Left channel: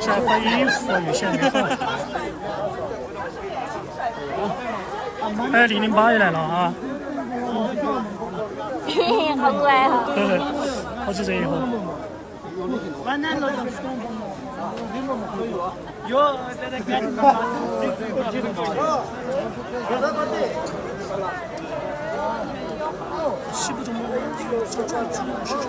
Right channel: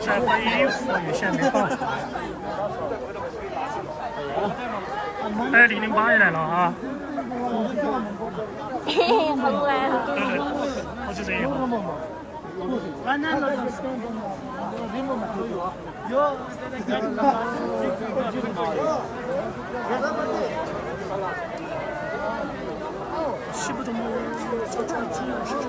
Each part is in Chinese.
这换衣服有些没放。哎，008也来了啊！好可爱，对对，好几这一号。西部中部交川自由市场。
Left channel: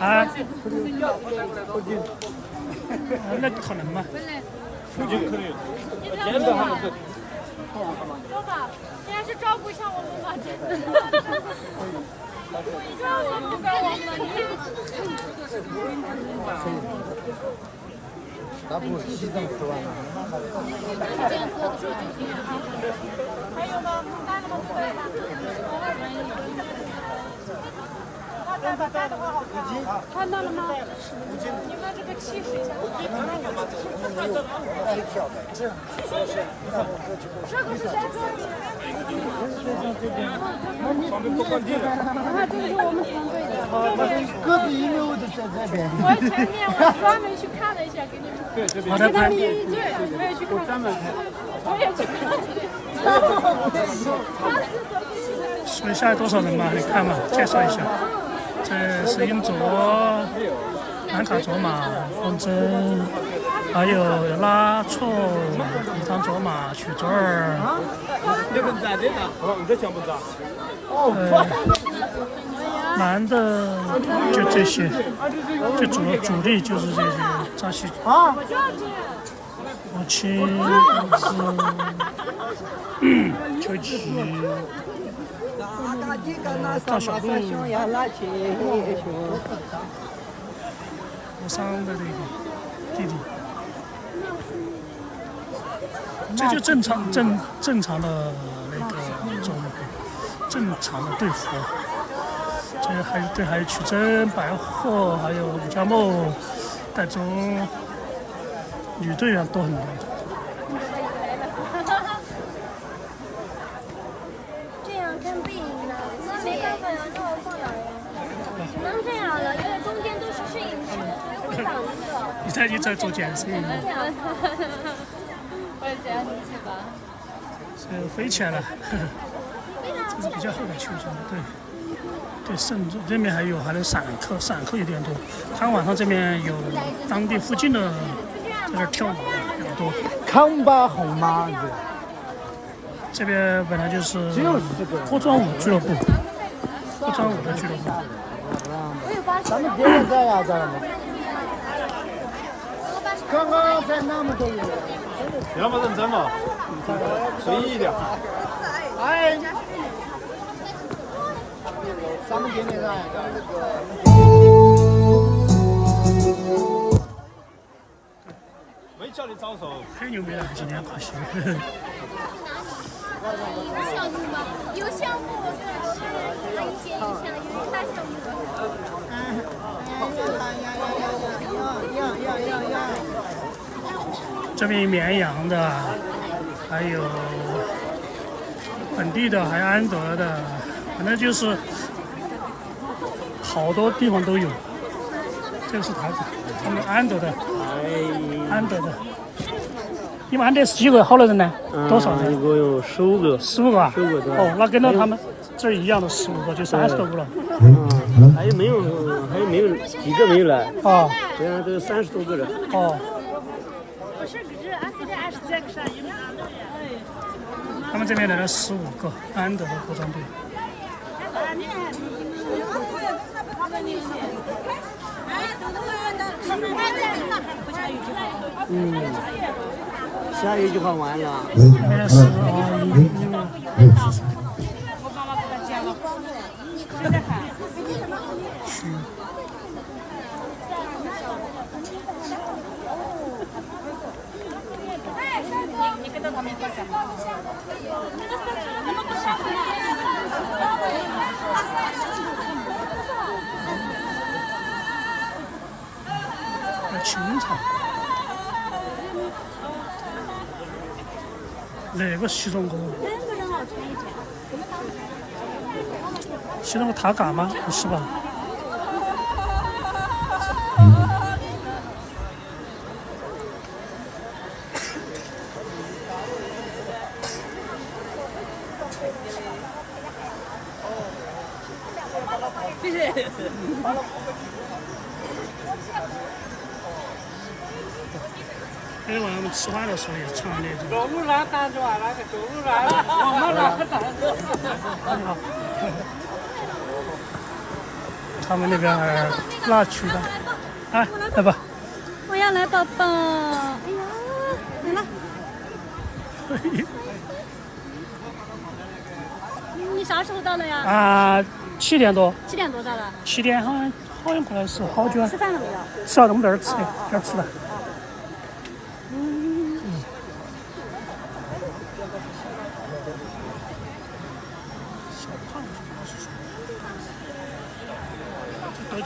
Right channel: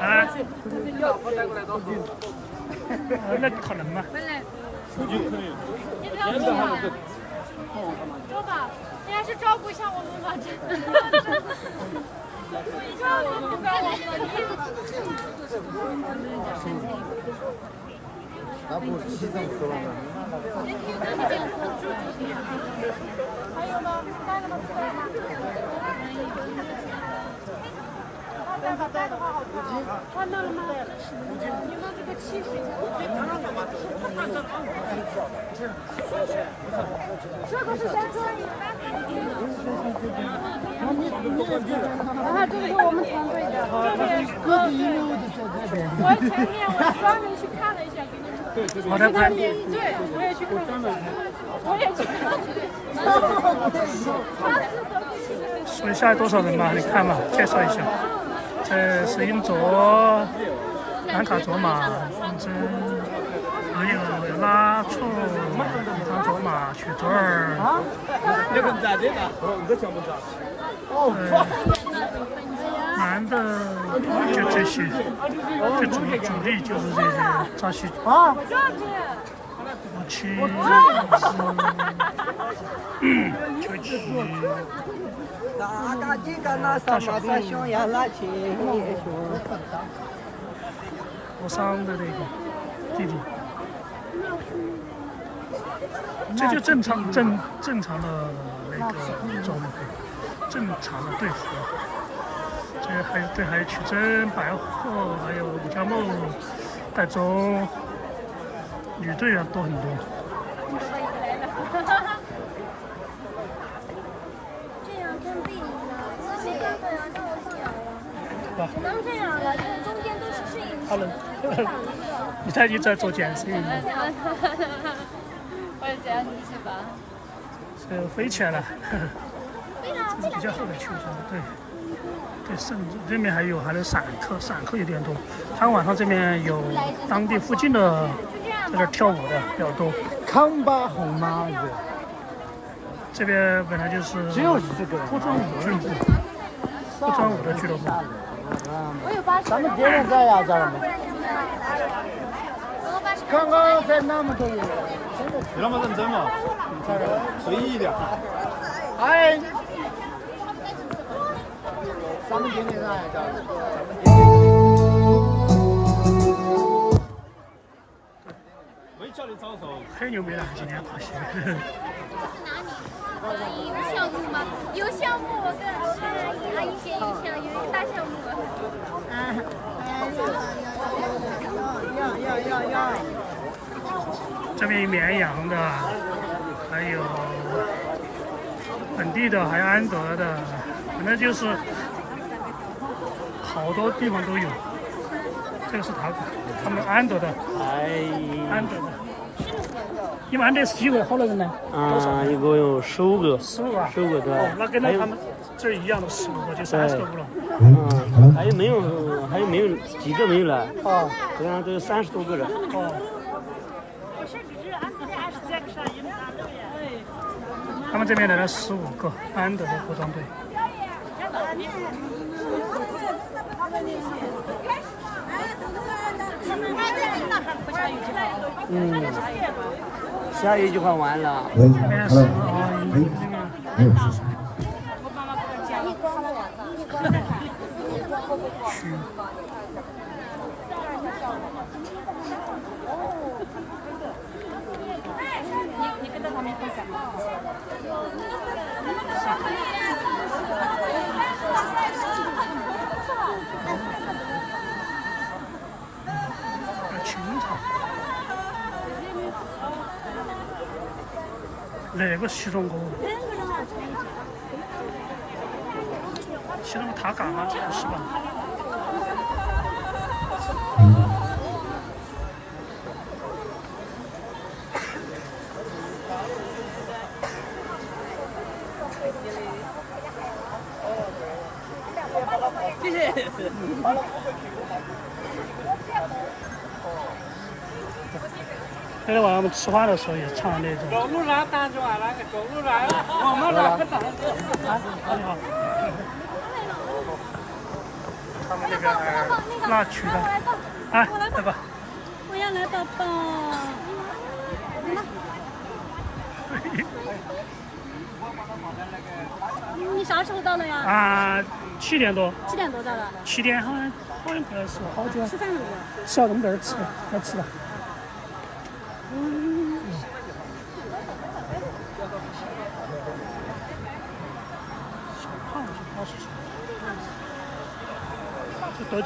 啊？那可能吗？你不要走啊！走吧，你还是照顾一下我们吧，真的。这样都不该我们了，你。看到了吗？你们这个气势。啊，这是我们团队的。我前面我专门去看了一下，给你们。好的，拍。对，我也去看了。我也去看了。说一下多少人嘛？你看嘛，介绍一下。这是英卓、兰卡卓玛、风筝，还有拉错、一张卓玛、曲卓尔。男的就这些，就主力就是这些扎西。我亲是秋吉。大小鹿，我上的那个弟弟，这就正常的那个装备，正常的队服。这还有曲珍、白鹤，还有李佳梦、戴宗，女队员多很多。你都把一个来了。这样看背影了，我没办法呀，让我放哪呀？只能这样了，因为中间都是摄影师，所以会挡着。你在做剪摄影吗？我也这样继续吧。这飞起来了，这是比较厚的秋装，对。对，这边还有散客有点多。他晚上这边有当地附近的在这跳舞的比较多。康巴红妈子，这边本来就是脱妆舞俱乐部，脱妆舞的俱乐部。我有80。咱们别人在哪找吗？刚刚在那么多人，你那么认真嘛？随意一点。哎。咱们点点上呀，没叫你招手。很牛逼了，今天跑鞋。有项目吗？有项目，我跟阿姨姐有一个大项目。这边绵阳的，还有本地的，还有安德的，反正就是好多地方都有。这个是他们安德的，安德的。你们安德是几个？好多人呢？多少人？一共有15个。15个啊？15个对。哦，那跟到他们这儿一样的15个，就30多个了。还有没有几个没有来？哦，这样都30多个人。哦。他们这边来了15个安德的服装队。下一句话完了。没事啊，去。清朝，那个西装哥，西装哥他干吗？不是吧？那天晚上我们吃饭的时候也唱那种。走路上单着那个走路上，我们那个单着。你好。他们那边那区的，哎，来吧。我要来宝宝，哎呀，来了。你啥时候到的呀？啊，7点多。7点多到的。7点好像快要是好久。吃饭了没有？吃了，我们在这儿吃，要吃了。小胖子他是德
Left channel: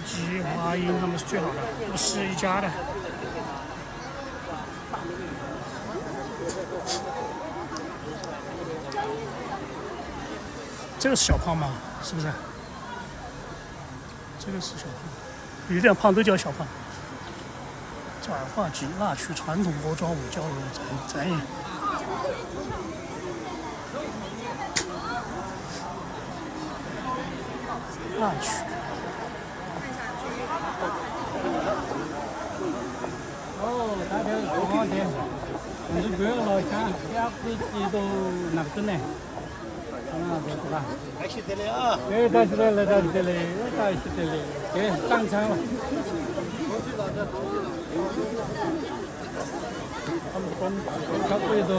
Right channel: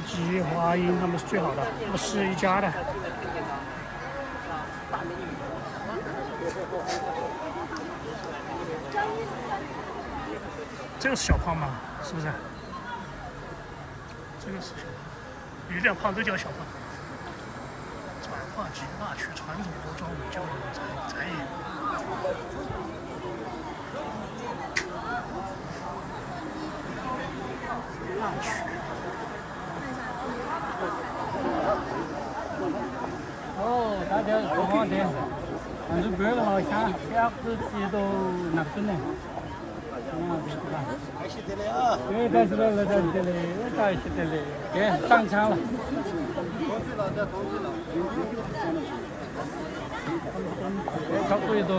基、华英他们是最好的，这个是一家的。这个是小胖吗？是不是？这个是小胖，有点胖都叫小胖。转化局那区传统服装舞交流展演。那区。哦，大家好点，俺这边老乡家自己都拿不呢。还是得了啊！对，但是来到这里，到是这里，对，上场了。同去了，这同去了。差不多都。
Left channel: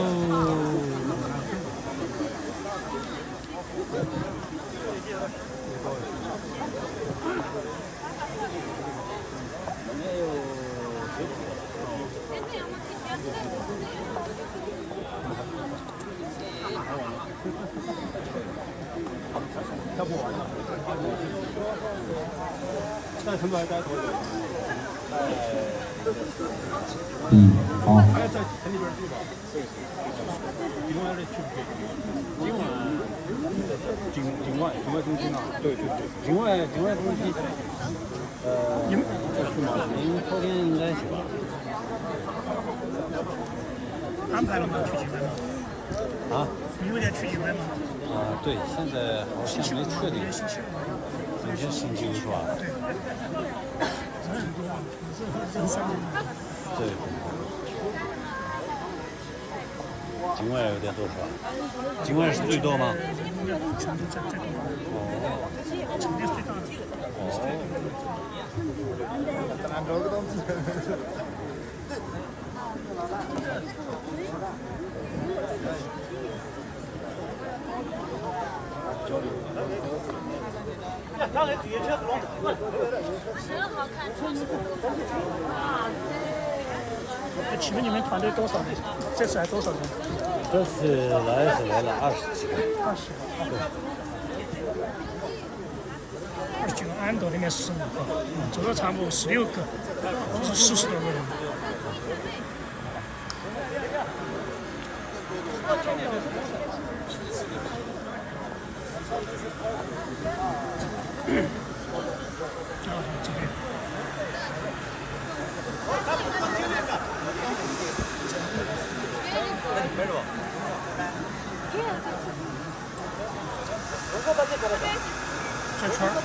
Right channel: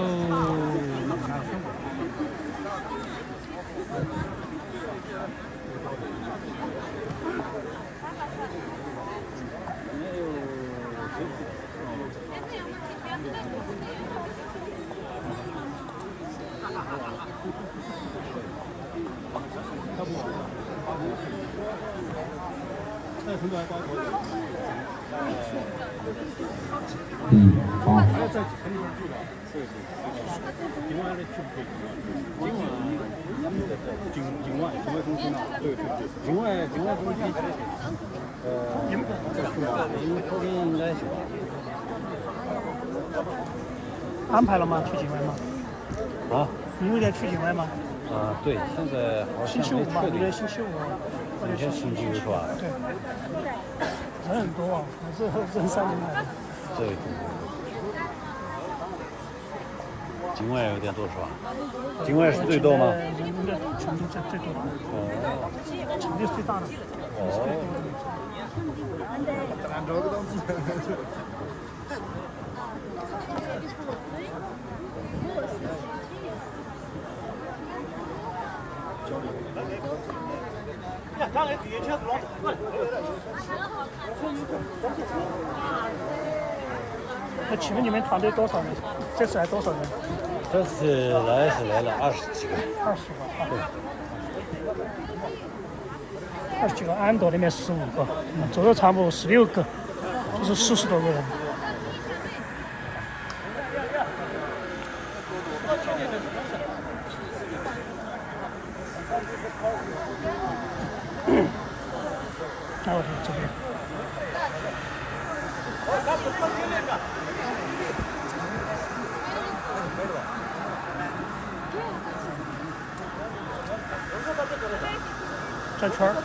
境外东西，安排了吗？去境外吗？啊？你有点去境外吗？对，现在星期五嘛，今天星期五。今天星期五是吧？对。人很多啊，人山人海。对。境外有点多是吧？境外是最多吗？成都最多的，成都最大的。那请问你们团队多少？这次来多少人？这次来了20几个。20几个，安德那边15个，这个差不多16个，这是40多个人。还有这边。转圈儿，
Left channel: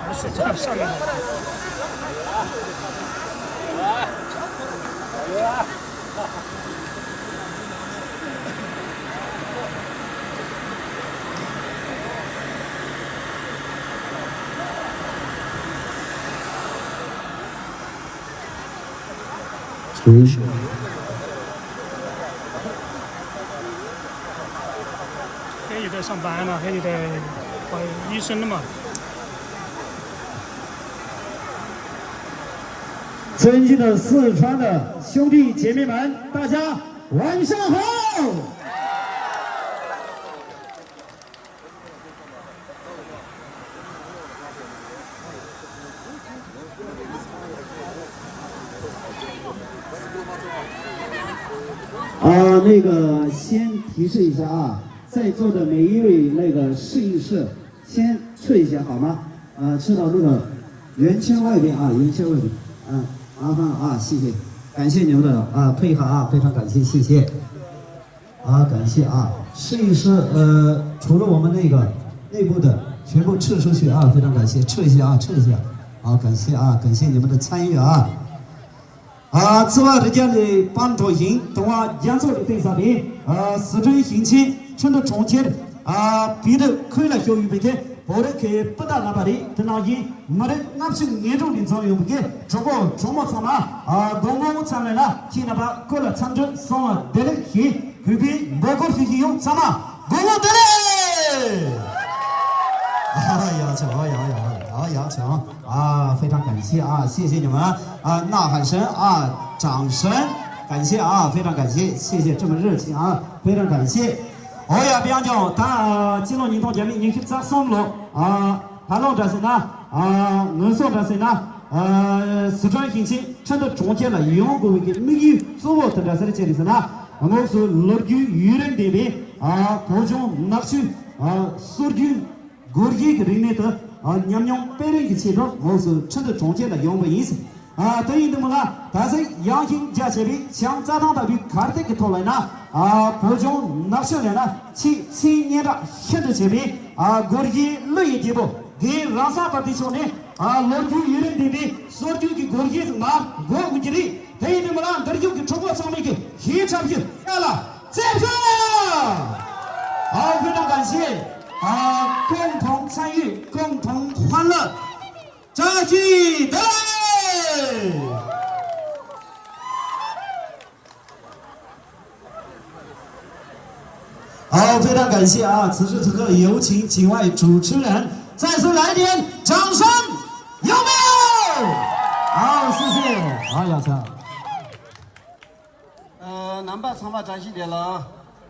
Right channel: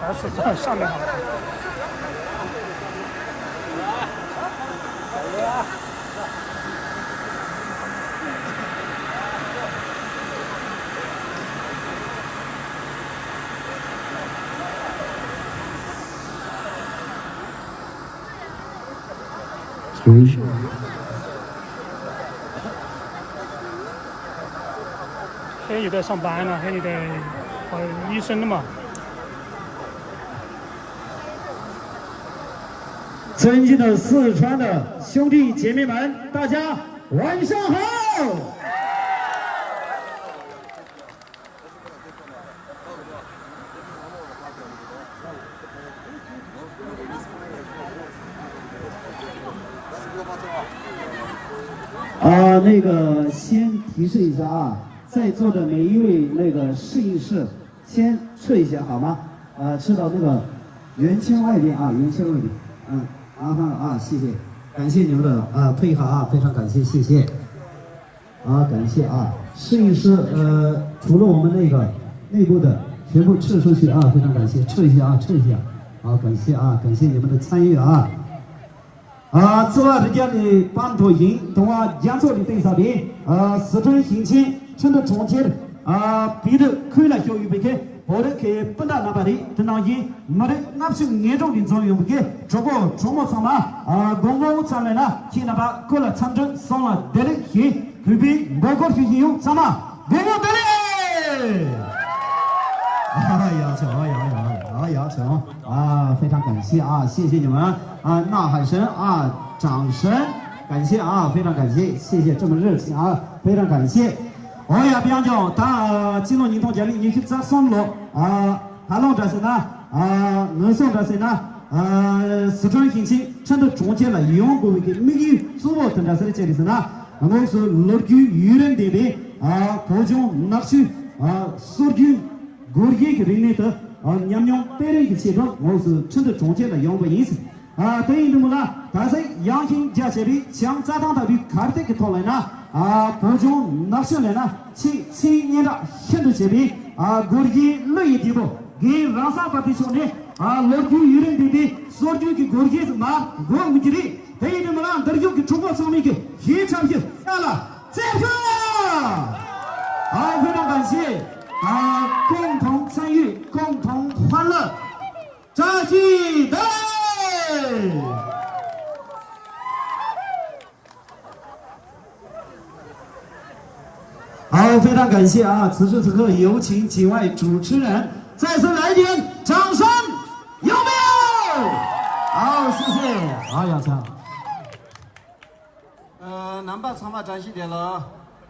还是这上面好。黑你得上班了，黑你得当医生了嘛。尊敬的四川的兄弟姐妹们，大家晚上好！那个先提示一下啊，在座的每一位那个试一试，先撤一下好吗？撤到那个圆圈外边啊，圆圈外边。麻烦了啊，谢谢，感谢你们的配合啊，非常感谢，谢谢。感谢啊，试一试除了我们那个内部的全部撤出去啊，非常感谢，撤一下啊，撤一下。感谢啊，感谢你们的参与啊。此外，人家的帮助营同演奏的对象的四川行情，趁着中间彼得开了教育白天，我的去不大那把的，等到因没得俺是严重的作用的，这个周末上嘛公共上来了，去那把过了长征上了得了去，后边那个学习用什么公共得嘞。要求要求非常感谢啊，谢谢你们呐喊声掌声，感谢啊，非常感谢，谢谢这么热情啊，非常感谢。比方讲，他进入运动奖励，你去咋送了他弄这些呢能送这些呢四川行情，趁着中间了，用过一个美语做我的这些这里是呢，我是乐于愚人的边各种拿去所有国际的人民的娘娘白人的其中，我是趁着中间的用过意思对于那么了，但是阳性加起来，像咱当的看这个讨论呢各种拿下来呢七年的现在这边国际累一地步，给让啥个地方呢乐于愚人的边所有的国际是嘛国务局的对于那么了，这里有个中国上面的非常的好了，再见非常感谢共同参与，共同欢乐，扎记得。非常感谢此时此刻有请几位主持人再次来点掌声，有没有？谢谢姚强。南坝长坝展示点了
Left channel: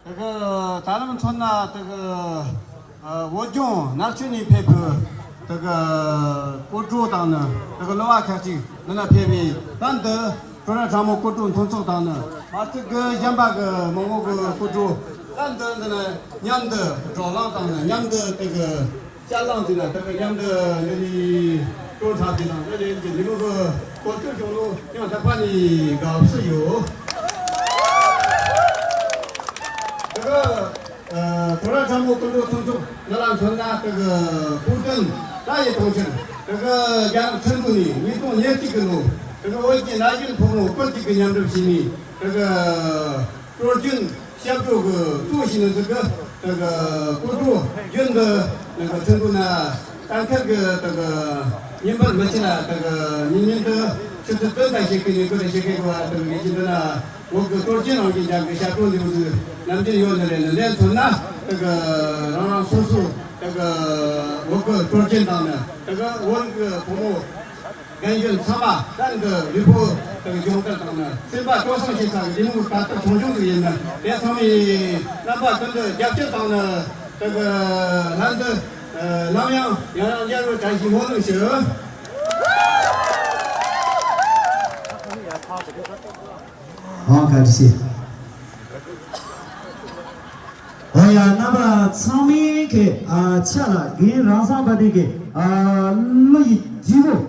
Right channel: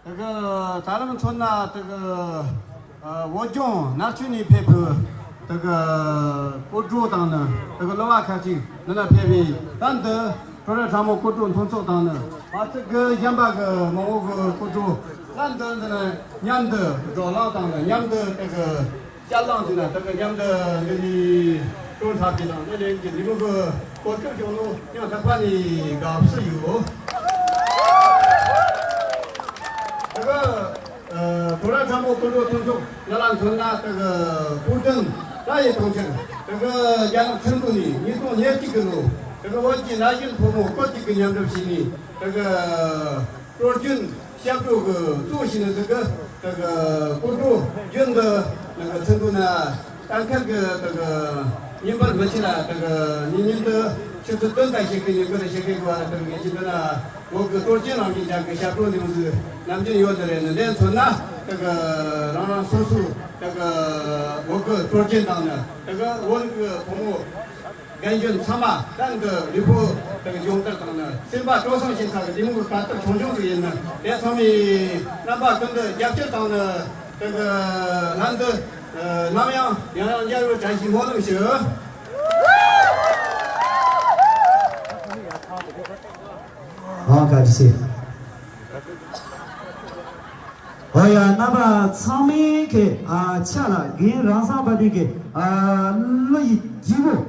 这个咱们村呢这个我军拿去你配合这个国主党呢这个老开始那偏偏难得主要咱们国主同走党呢这个先把个某个国主难得这个娘的找老党的娘的这个家长的呢这个娘的那里中茶的呢那里你那个我舅舅路让他把你搞室友这个突然咱们工作当中，那让村呐这个古镇那些同学，这个养成都里，你从年纪个路，这个我已经拿进父母过几个年头心里，这个多军下周个主席的这个国主军的那个成都呢，当看个这个你们没去呢，这个你的就是等待些给你个些给我这个年轻人呢。我个多经常跟讲个下周就是南京有的人连村呐，这个让叔叔，这个我个多经常的，这个我个父母跟用他嘛，那个吕布这个用得当的，先把多上些啥个，你们把这从中的人呢，连上面哪怕跟着杨家当的这个男的南阳加入在一起活动时。感谢。哎呀，那么长眉给吃了，给让上把这个录一记录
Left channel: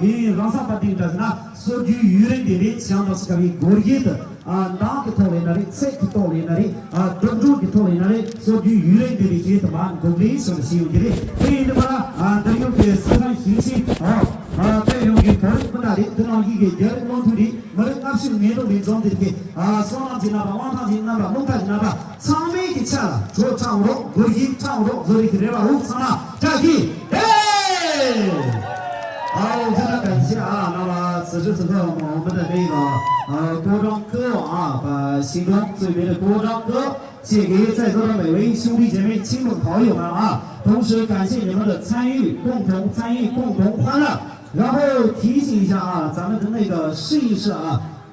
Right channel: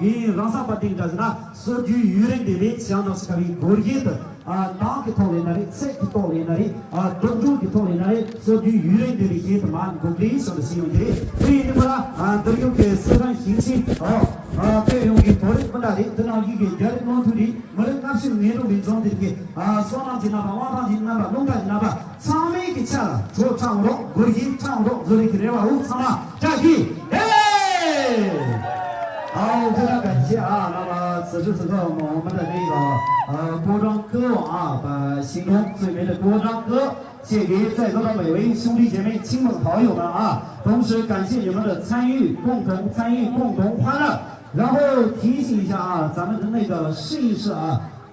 给让上把这个那数据舆论的相当是可以估计的哪个讨论那里，谁去讨论那里东中的讨论那里，数据舆论的这些他妈都给什么使用的，所以的话都有个市场信息对有个讨论不大的，这样一个原来光图的，我们当时没有那种的双浪进那吧，往上进那吧，龙潭那吧。长眉的吃了，说长龙，我已长龙，所以给了我上了，站起，好，非常感谢那么此时此刻我们的这个多庄歌把心中最美的多庄歌献给在座的每位兄弟姐妹、亲朋好友们同时感谢你们的参与，共同参与，共同欢乐。然后提醒一下咱们的那个试一试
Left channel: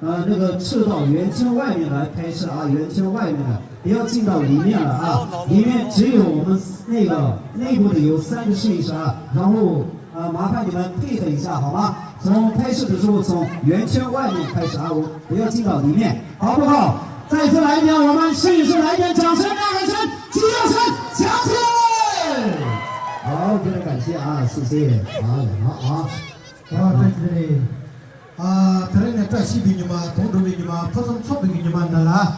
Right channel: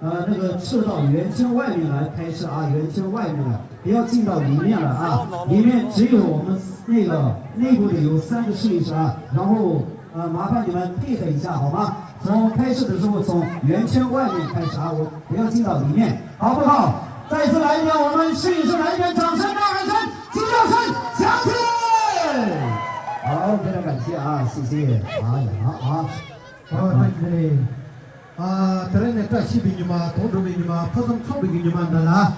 那个撤到圆圈外面来拍摄圆圈外面的，不要进到里面了里面只有我们那个内部的有3个试一试然后麻烦你们配合一下好吗？从拍摄的时候从圆圈外面开始我不要进到里面，好不好？再次来一遍，我们试一试，来一遍掌声，呐喊声，激动声，响起！好，非常感谢谢谢好。ternyata tak si bini ma, tondo bini ma, pasang sok bini ma nala,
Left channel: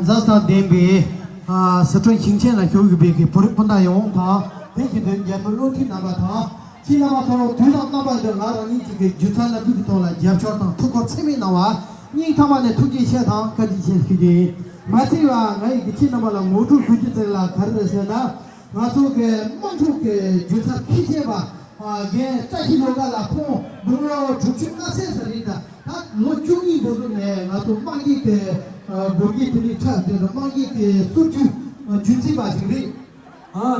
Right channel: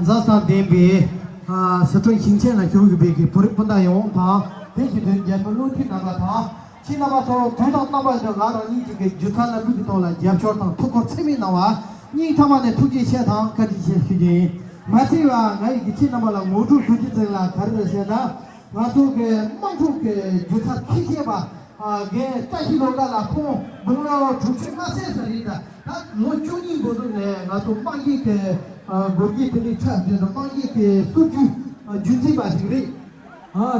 zasta dembe, setelah cincin lah jauh lebih ke pernah yang ta, heki dia perlu tina bata, tina bata, tulang nama itu lara ni juga juta lagi kita lah, jam corang tukar semi nama, ni thama ni tujuh siapa kali siapa, macam ngai kecil nama lah motor kecil saya kerja siapa, macam ke mantu ke juta kecil bah. 게 짜히노가 라포 뭐가 주축마세 살이다 다 노중이 보던네 나도 빵이 그 모기들이 차는데 빵이 그 수주 준지 마시리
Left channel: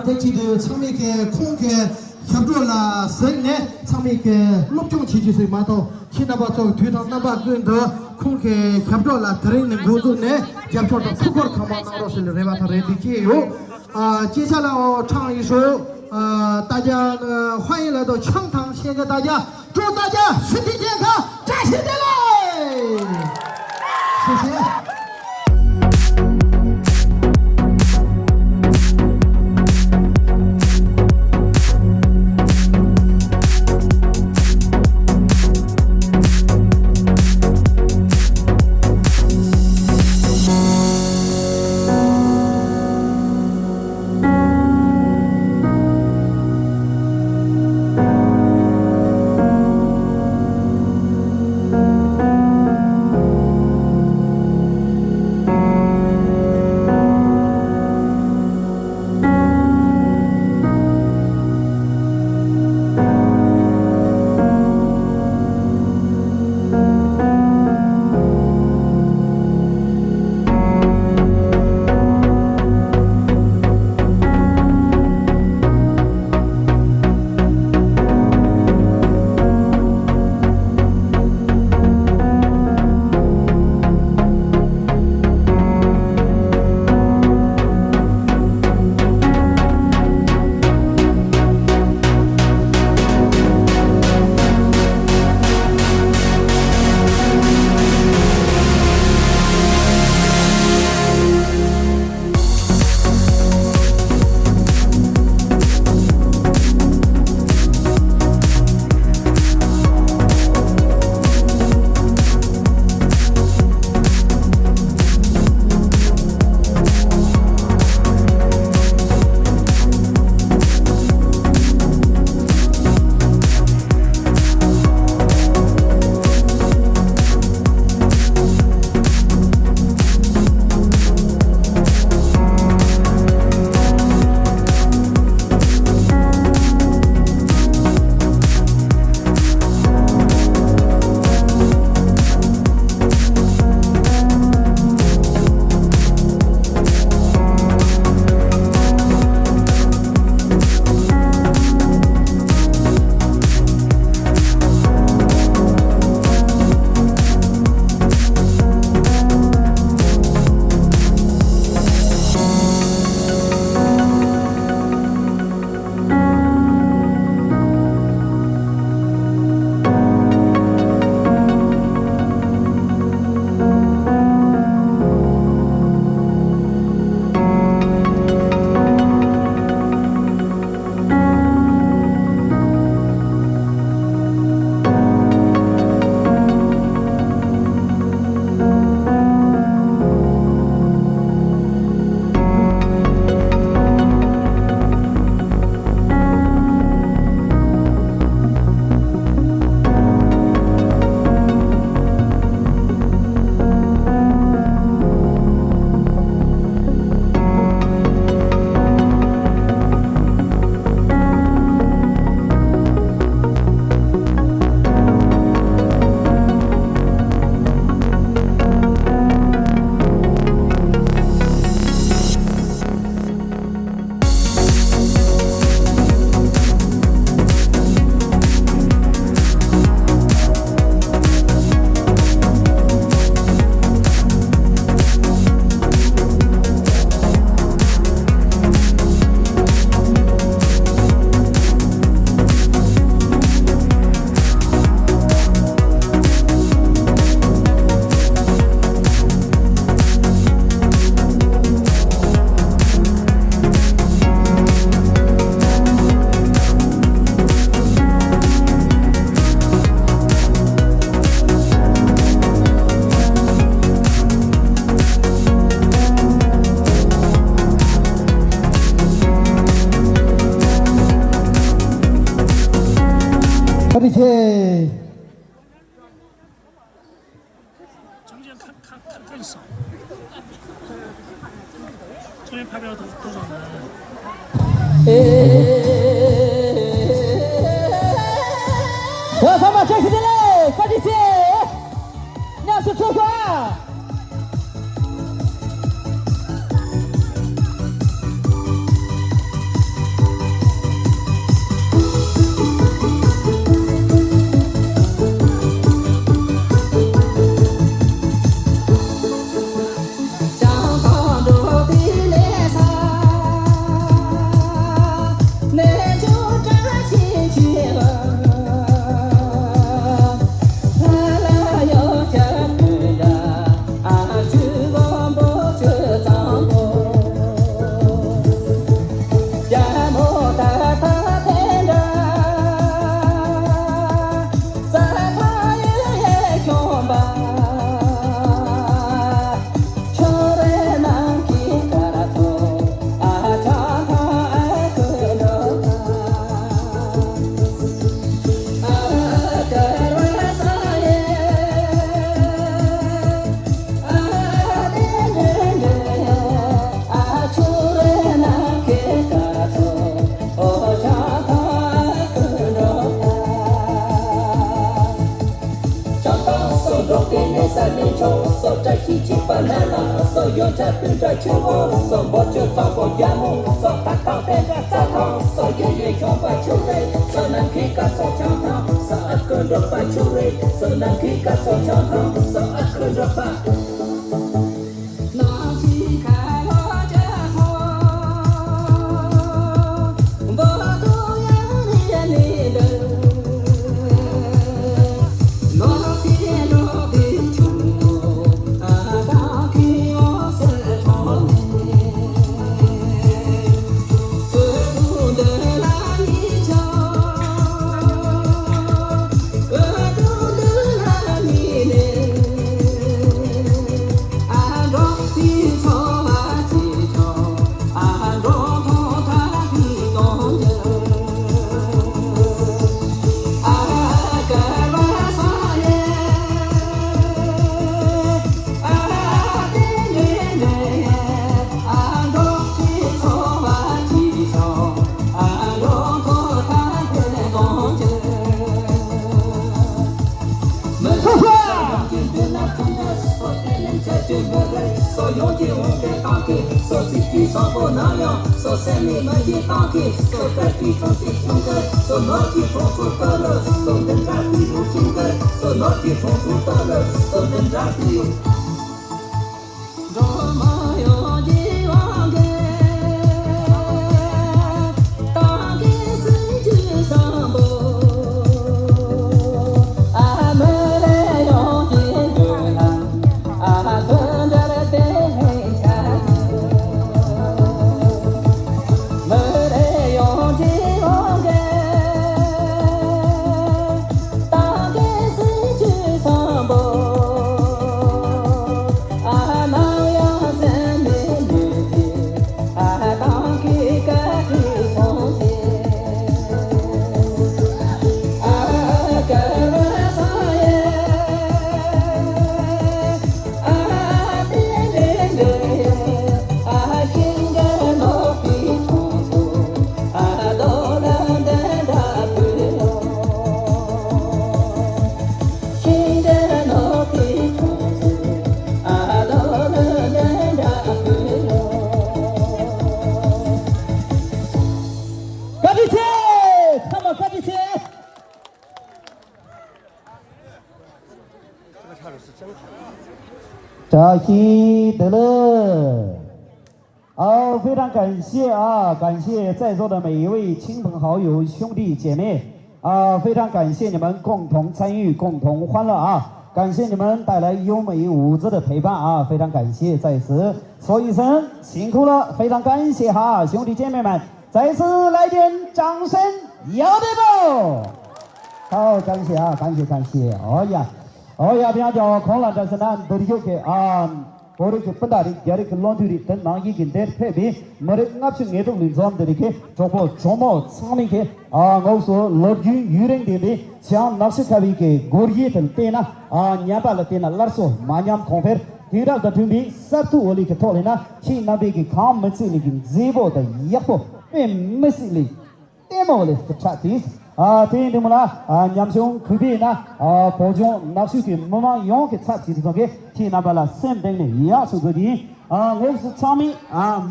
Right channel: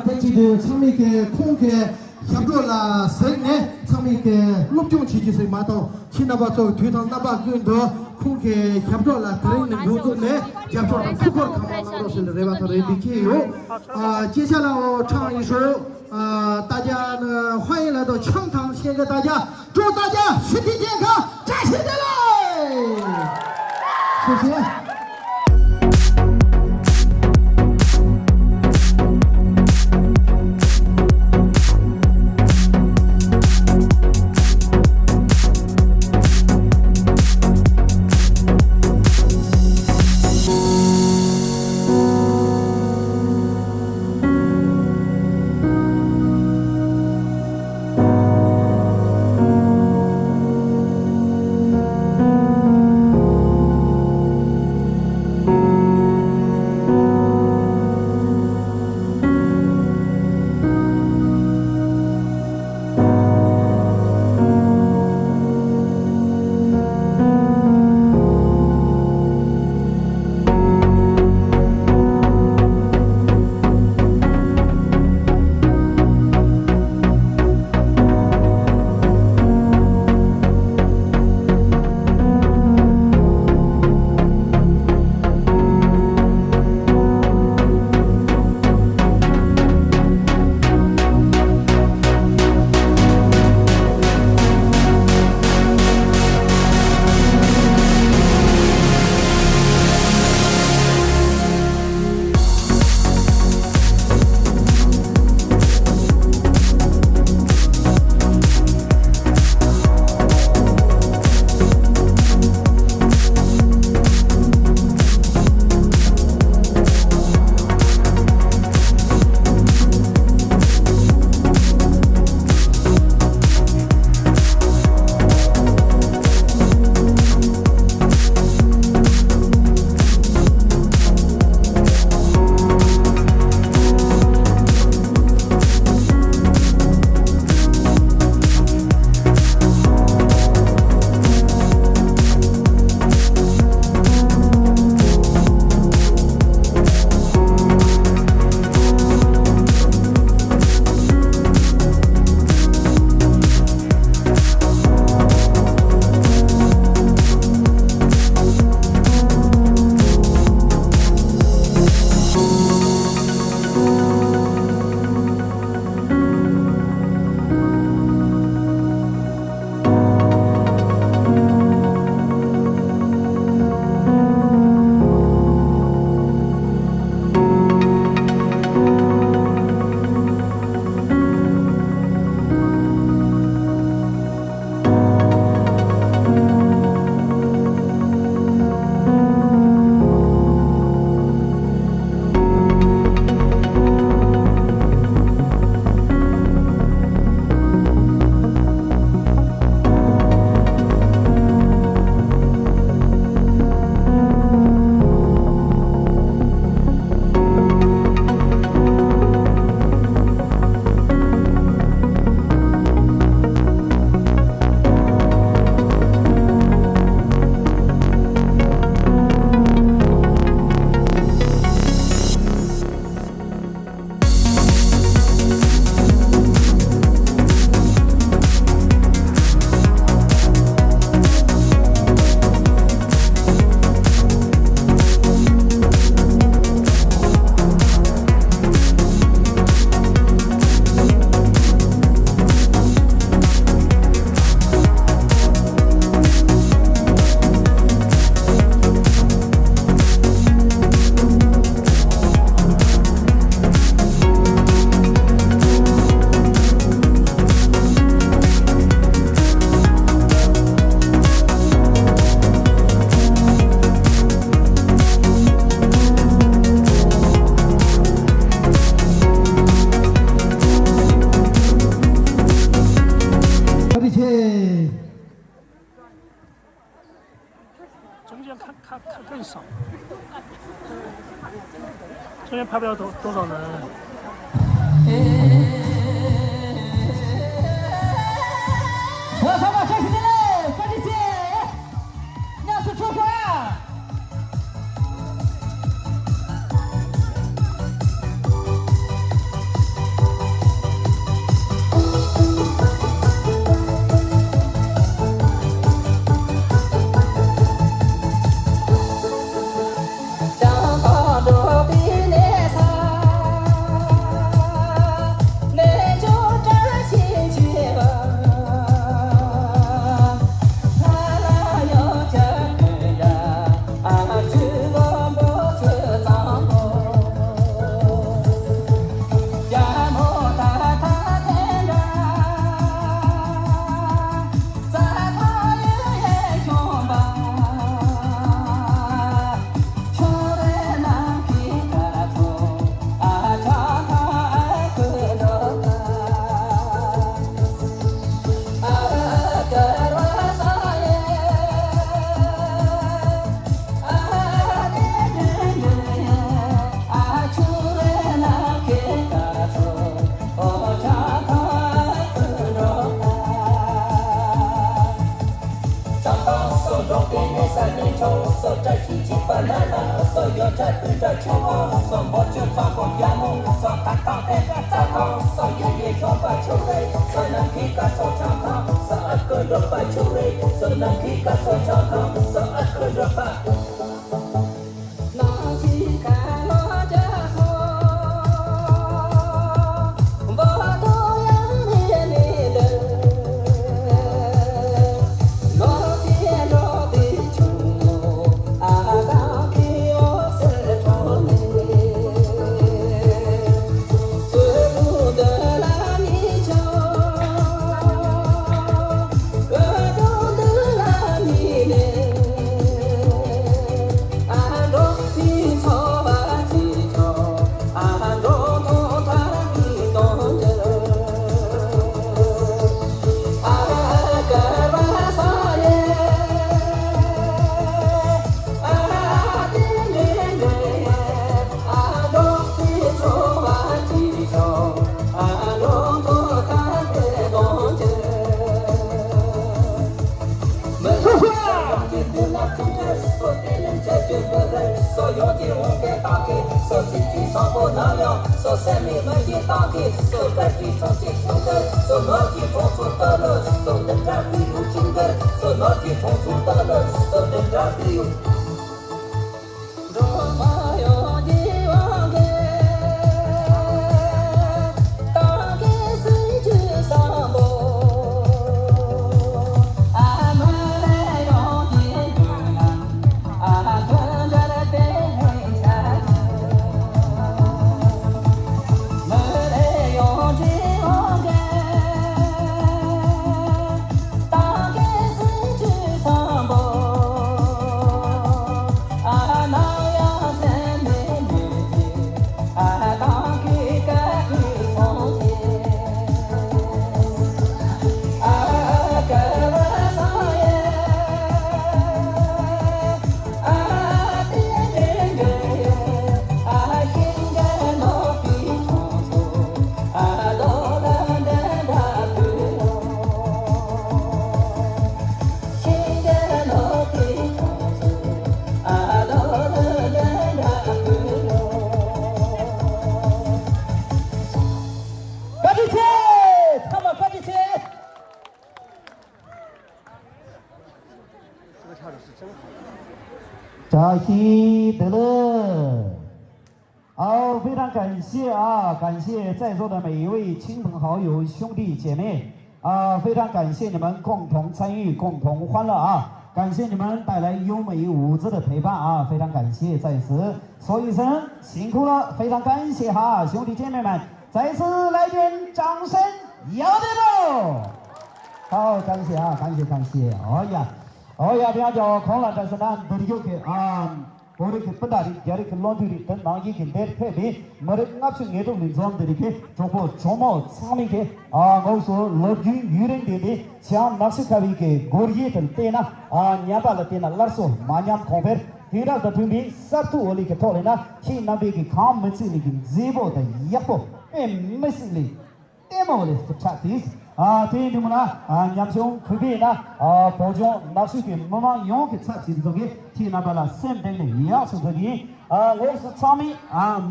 대치도 처음에 통게 협조라 세네 처음에 목좀 지지세 마도 키나바서 뒤당 나바 근더 콩게 협조라 들이는 거도네 협조 투걸 가만으로서 레바타 레디케요 接下来唱一首大家欢迎来到chương堂，谢谢大家，祝大家身体健康，站起来！谢谢。比切，中间看更少，中间拍不了多少人。我他妈这是的嘞，赶紧去，那是出发呀！扎西德勒，好，非常感谢啊，感谢在座的每一位亲朋好友、兄弟姐妹啊，非常感谢你们共同参与、共同欢乐啊，感谢你们带来优美舞姿的陪伴啊，非常感谢，在此说一声辛苦了，非常感谢哈，兄弟姐妹们，再次来点掌声，要得不？好，感谢啊，感谢，哦呀，不要叫空了，但是呢，这里有个啊。और के पता रे यार के लॉन्ड्री तन नागी के देर पे भी मरे ना से नेदो मिजाम दरिके जोको जोमो सामिंग के गौसो लॉन्ड्री यूरेन दे दे चाम नासे खावी के गोरिये तन तेना न्यापा लतेना लरसो मान्याम कोंफेर तीरा दथुंबी सातु ओली के थोलेना की नाबे के काम मसे लेकिन जेबो द यको पे मिसली तेमोले फचातीस तेन देमला न्यामसो खुबीना पोजो नासु के ममा यों के छाती दगे की नाबाला सेम देने या सुगदी गौसो चामी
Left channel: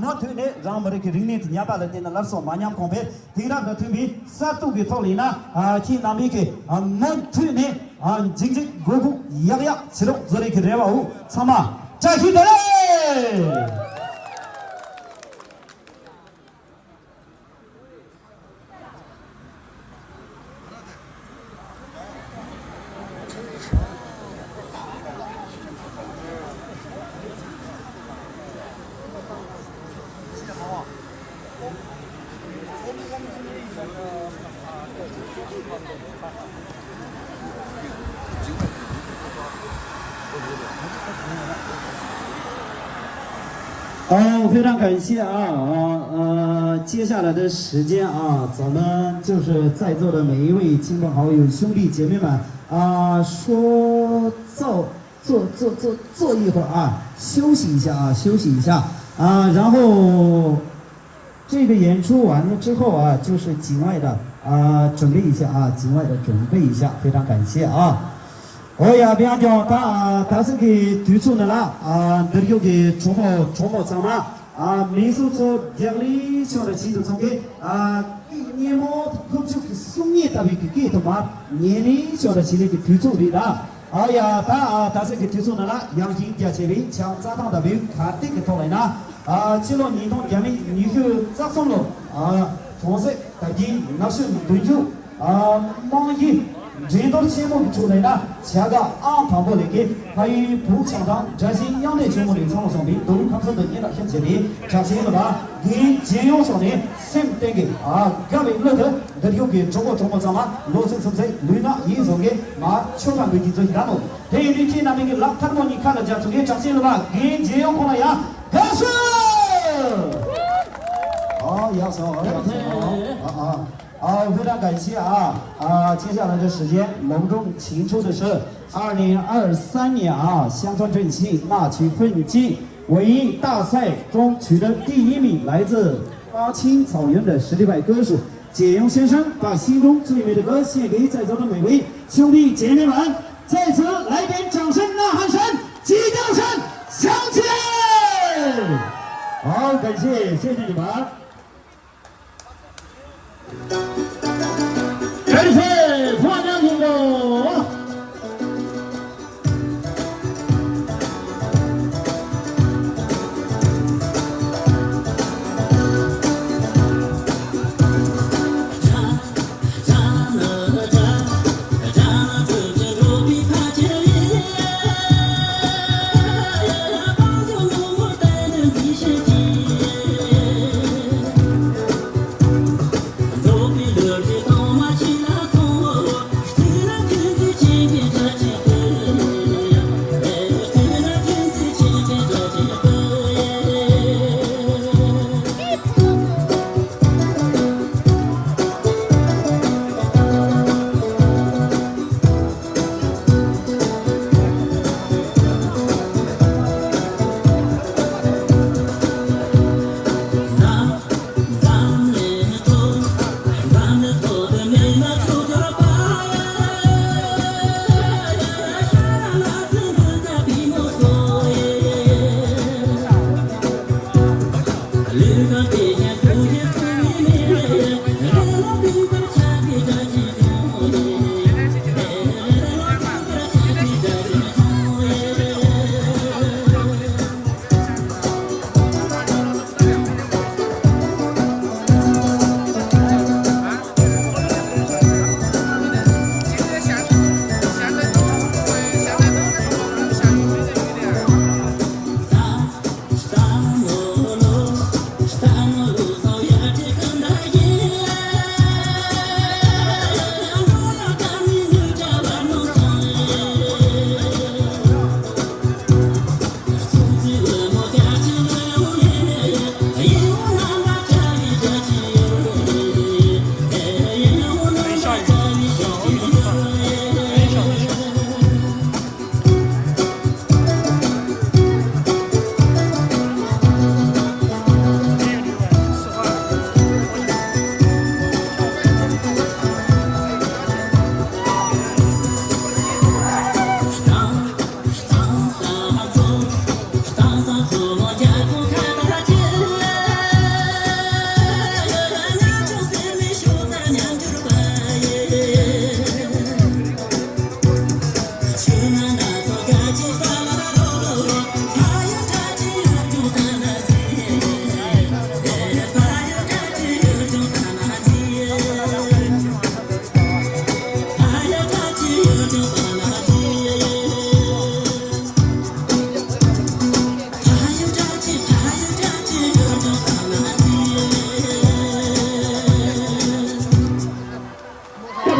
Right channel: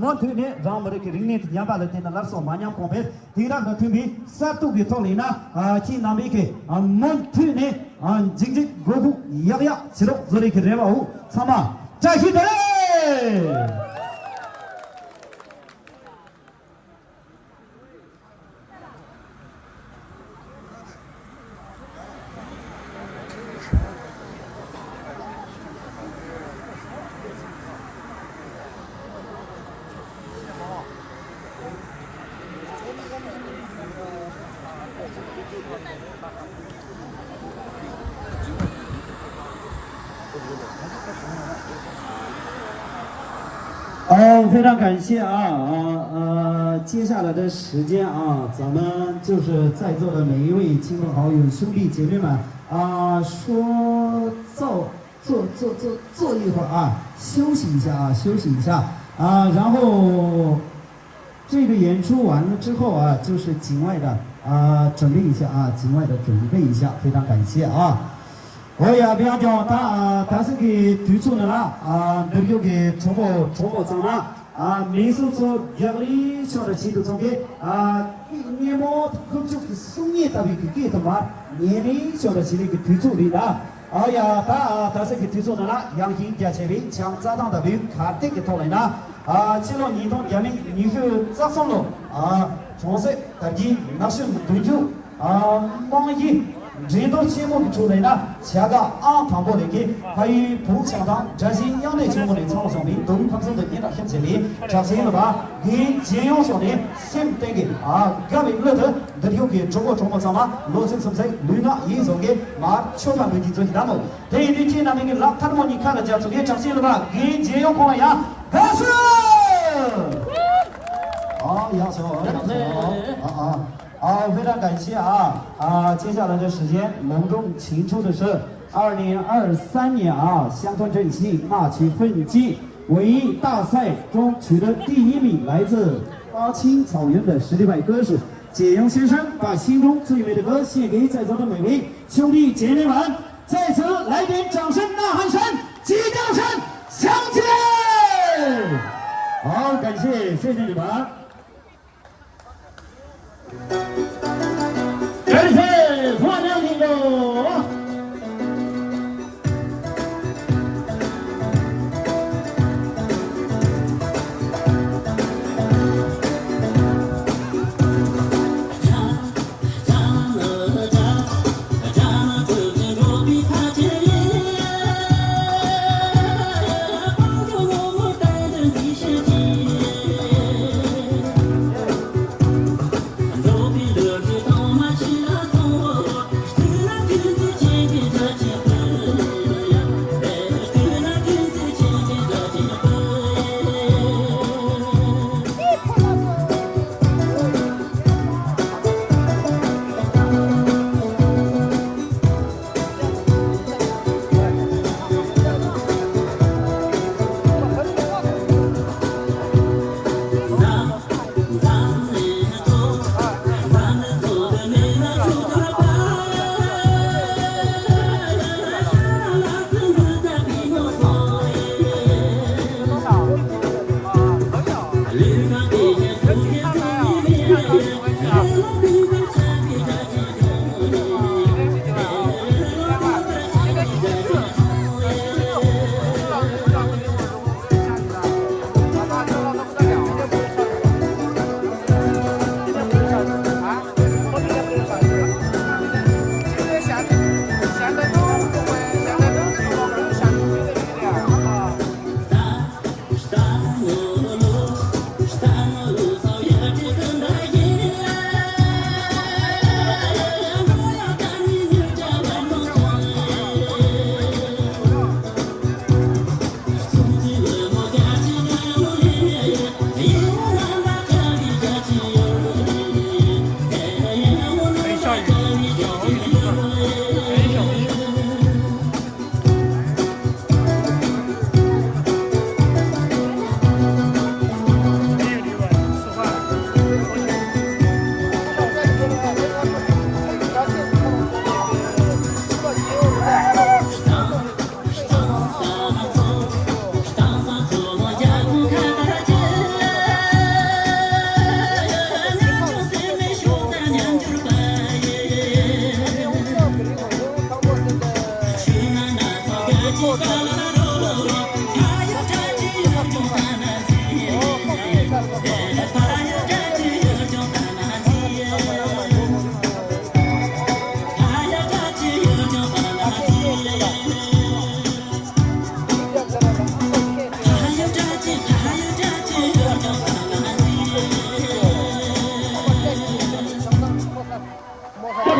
मोथुने जामरे के रिने न्यापा लतेना लरसो मान्याम कोंफेर तीरा दथुंबी सातु के थोलेना की नाबे के मोथुने जिंजिक गोबु याया सिरो जोरे के रेवा हो समा जाहिदे非常感谢接下来的时间咱们就是在座的每一位亲朋好友、兄弟姐妹们说坐一会儿休息一下休息一下然后这个演出完了之后就是境外的准备一下境外的准备一下，非常感谢我也比方说他是给推出的了这个给中国怎么民俗从养理上的制度上给年末工作给送你特别给他们年龄上的制度给推出的了他是给推出的了养金家这边强扎当的边卡的给他来了这个年度养理你去咋送了从事的人那是对住忙一人都节目出来了，下个汤包里给还有不相当这些养的节目的创作上面都他们的年代向前的，这些了吧？给节目上的先得给各位乐的，这有给中国什么罗生什么绿呢？一种给全盘给做项目，这一天那边给老他们你看了这些这些了吧？给节目过来呀，开始。要求非常感谢接下来的时间隆重请出的是2023年乡村振兴纳曲奋进文艺大赛中取得第1名，来自巴青草原的实力派歌手解阳先生，把心中最美的歌献给在座的每位兄弟姐妹们，在此来点掌声、呐喊声、鸡叫声，响起！好，感谢，谢谢你们。感谢花娘听众。Don't be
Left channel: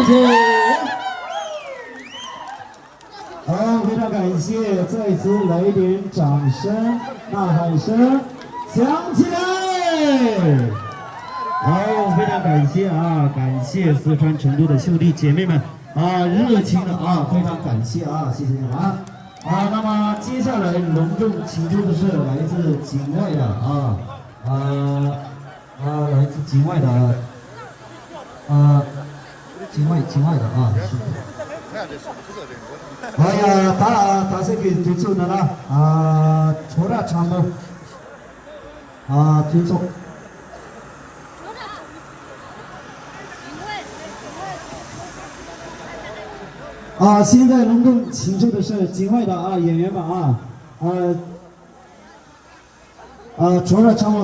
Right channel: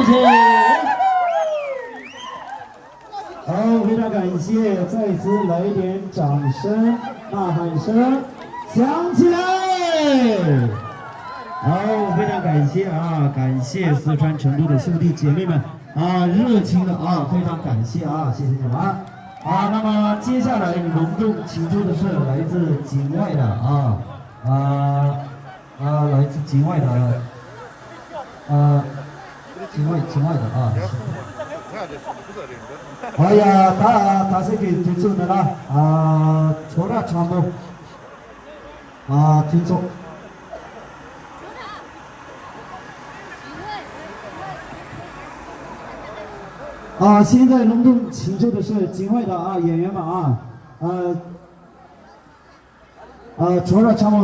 谢。好，非常感谢，再次来一点掌声、呐喊声，响起来！好，非常感谢啊，感谢四川成都的兄弟姐妹们啊，热情的啊，非常感谢啊，谢谢你们啊。那么接下来隆重请出的是来自境外的来自境外的境外的啊。哎呀，他是给推出的了除了长毛推出。现在隆重请出的是境外的演员们除了长毛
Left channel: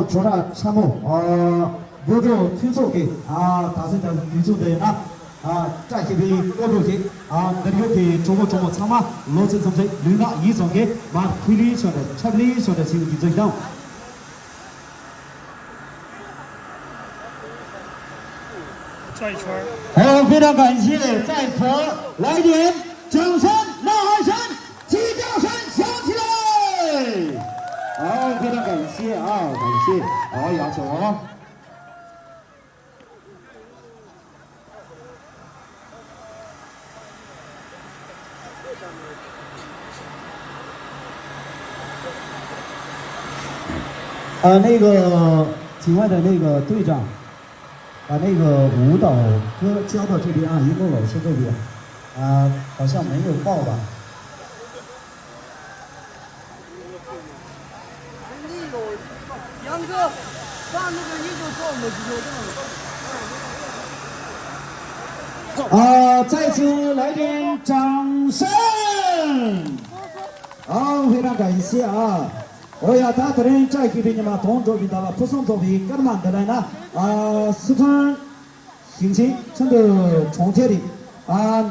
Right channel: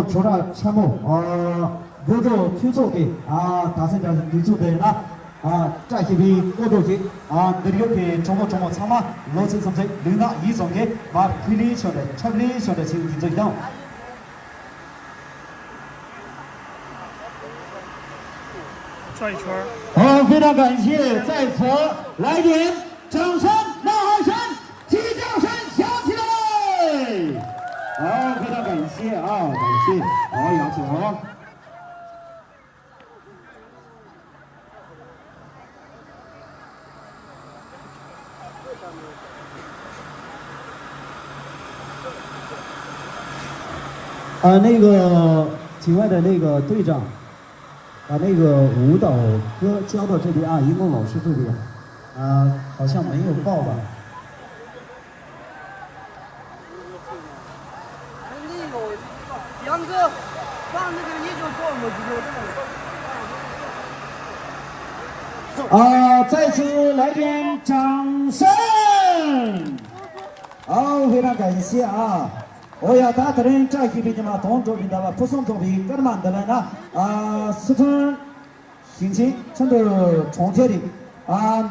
有着推出给他是讲推出的呢。这些位过渡期那个给中国长嘛，老陈什么领导一种给把推理小的、差理小的就这样。转一圈。好，非常感谢，在此来点掌声、呐喊声、鸡叫声响起来！好，非常感谢感谢，好，杨小红。那个境外的那个队长，那个舞蹈应该交到这边一梦老师这边，好像没有报吧？杨哥，放那个你就做么就再次来点掌声！好，非常感谢大的人在这边的嘛，同周边的了，不送周边，干嘛的呢？四川新青成都重庆的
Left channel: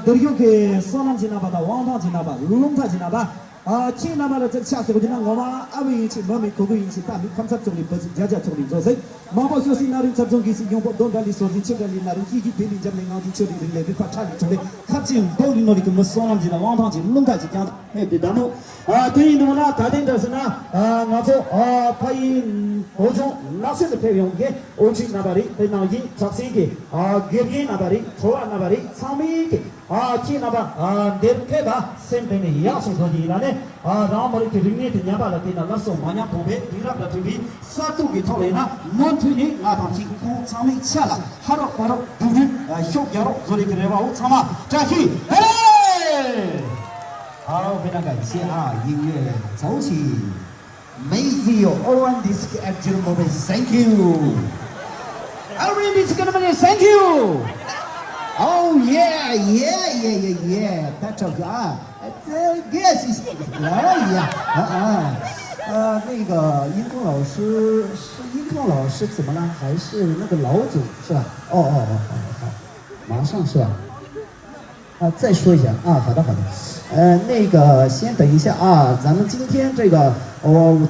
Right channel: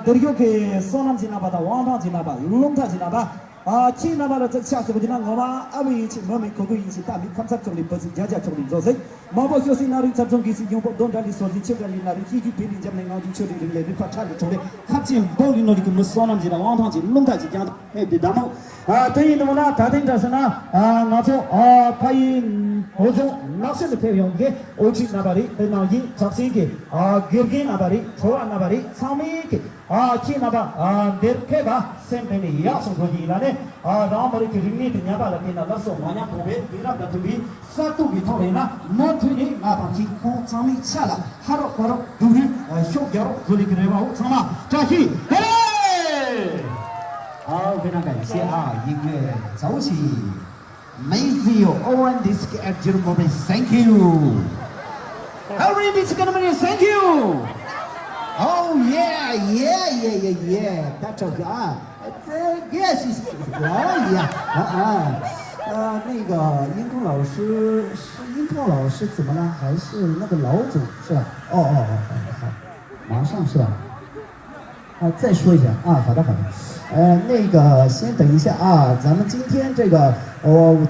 都有给少南京那边的、王塘京那边、龙潭京那边听那边的这下去不就那我嘛，为引起我们口口引起大民看察中的不是家中的做事，毛包小心那里集中给是用不动的里说的，这个里那里一句别人家没搞的，这里人来的发产的中的，看见包里那里给我们少南京的、王塘京、龙潭京讲的，别那么。对于那么呢，他等着是呢，我说拍各种哪些的配用给，我去那边的，在那里找谁给给那边的，除了那边的，上面给去那边连开吧，身边的也是可以的呢，然后我们给人家的那边的给那个送完了后边，给那个这边啥都给掏来呢，满腿的把天空上面下了，好了，对不对？小脚了，这里给人把我唱嘛，这去，好，非常感谢音乐走起 ，Mazio on this actual moment, thank you. Every this moment, thank you. Oh yeah, that's okay yes, 那个音控老师怎么了？还是那个老总是吧？好，马上是吧？再说一下好的。那个先等一下咱们今天这个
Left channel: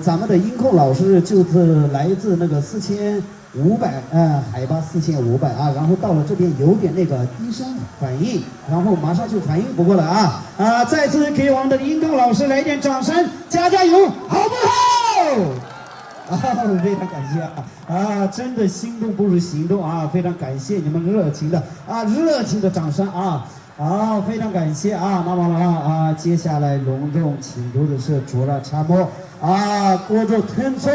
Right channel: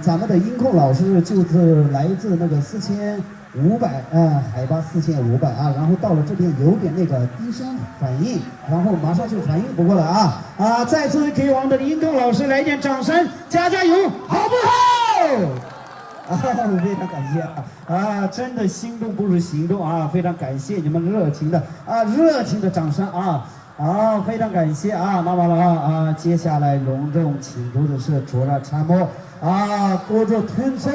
咱们的音控老师就是来自那个4500海拔4500然后到了这边有点那个低声反应，然后马上就反应不过来再次给我们的音控老师来一点掌声，加油，好不好？非常感谢真的心动不如行动非常感谢你们热情的掌声好，非常感谢那么接下来隆重请出的是卓拉参谋过着吞错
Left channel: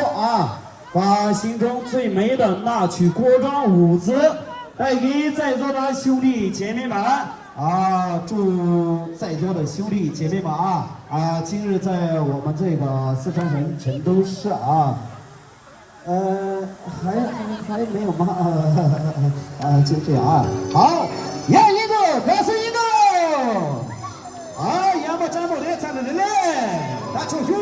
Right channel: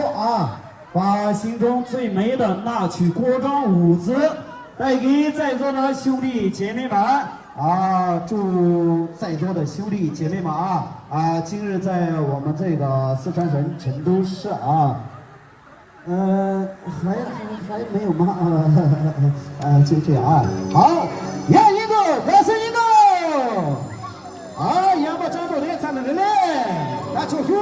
把心中最美的那曲国章舞姿带给在座的兄弟姐妹们祝在座的兄弟姐妹们今日在我们这个四川省成都市还没有吗？就这样好，杨一个，表示一个，要么张总连唱的人嘞，打球球。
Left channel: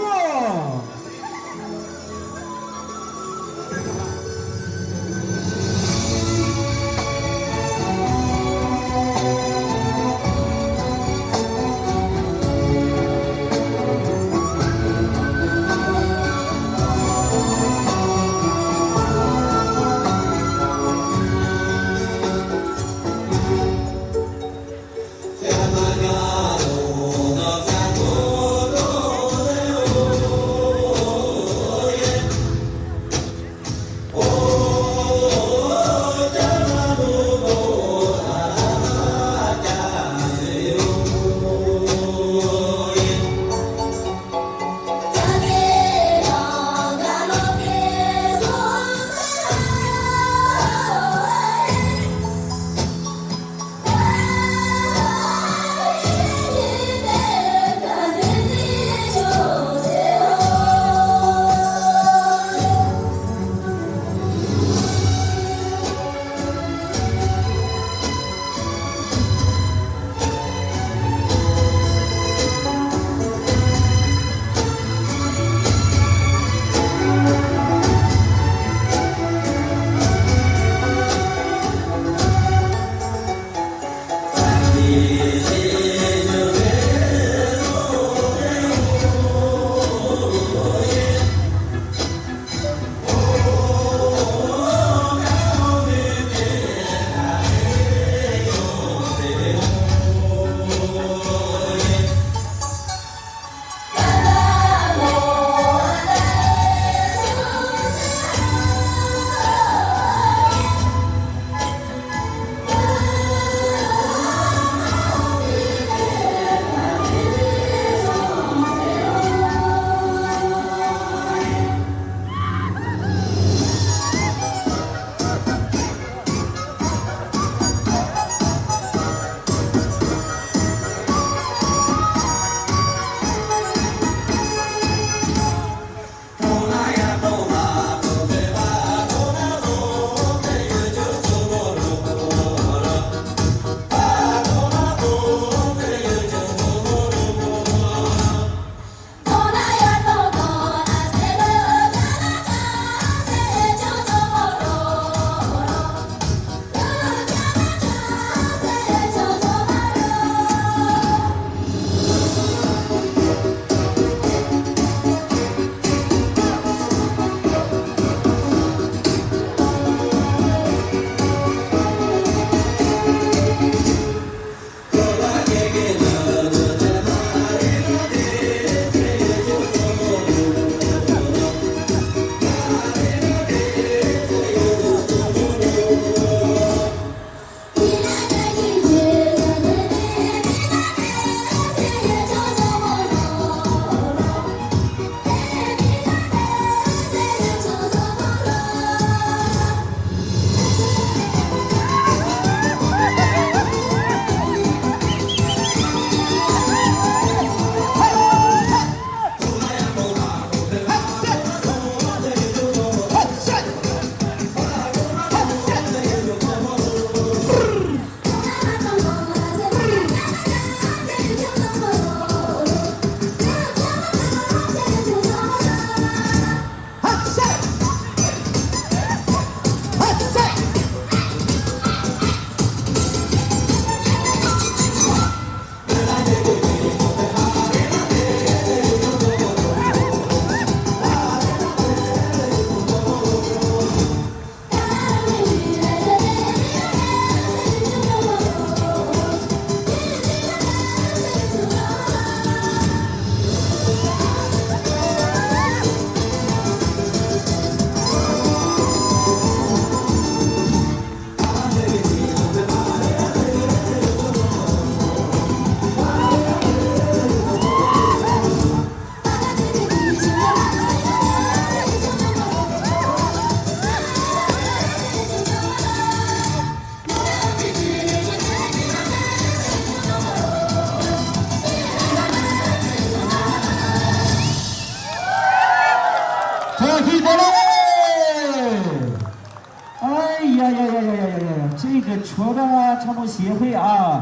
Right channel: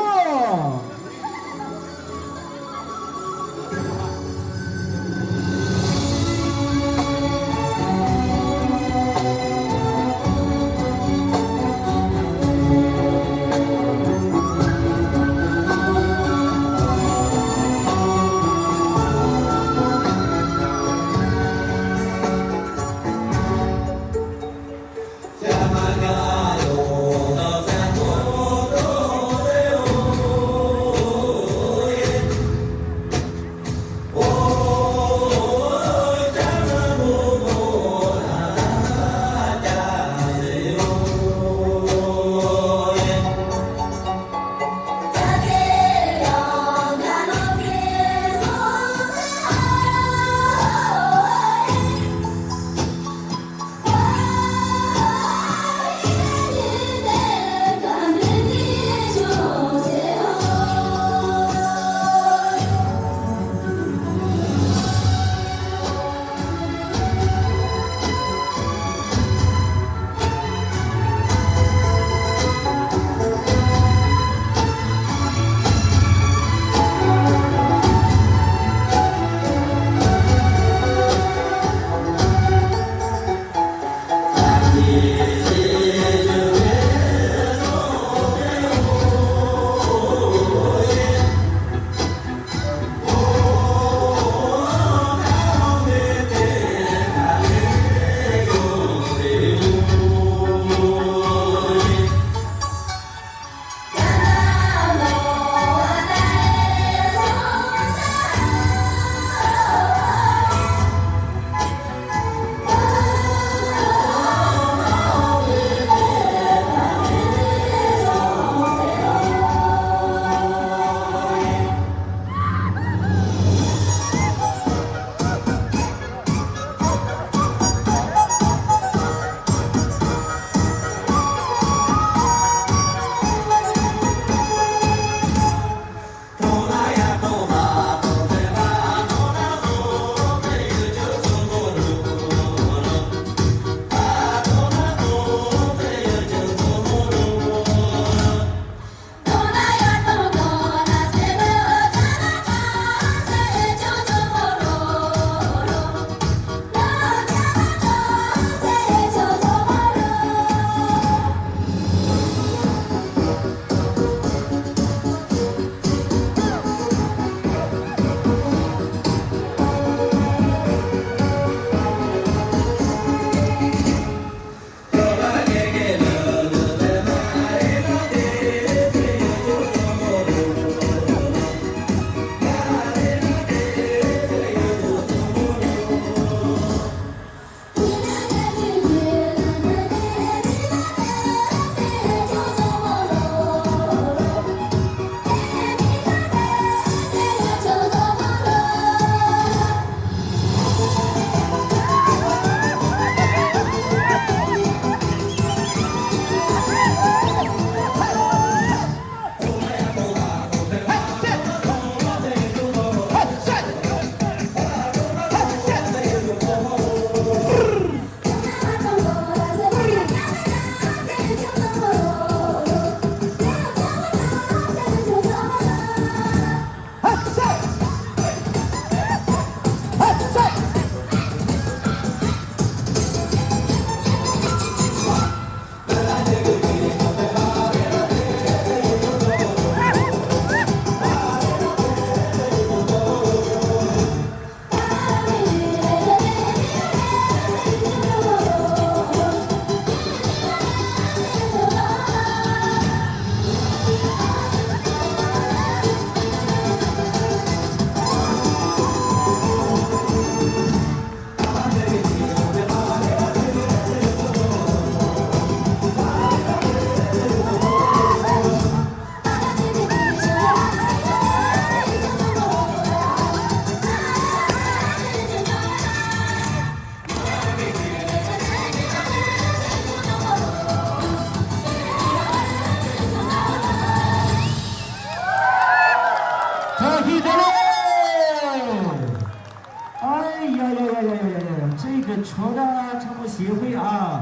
唱梦协会啊。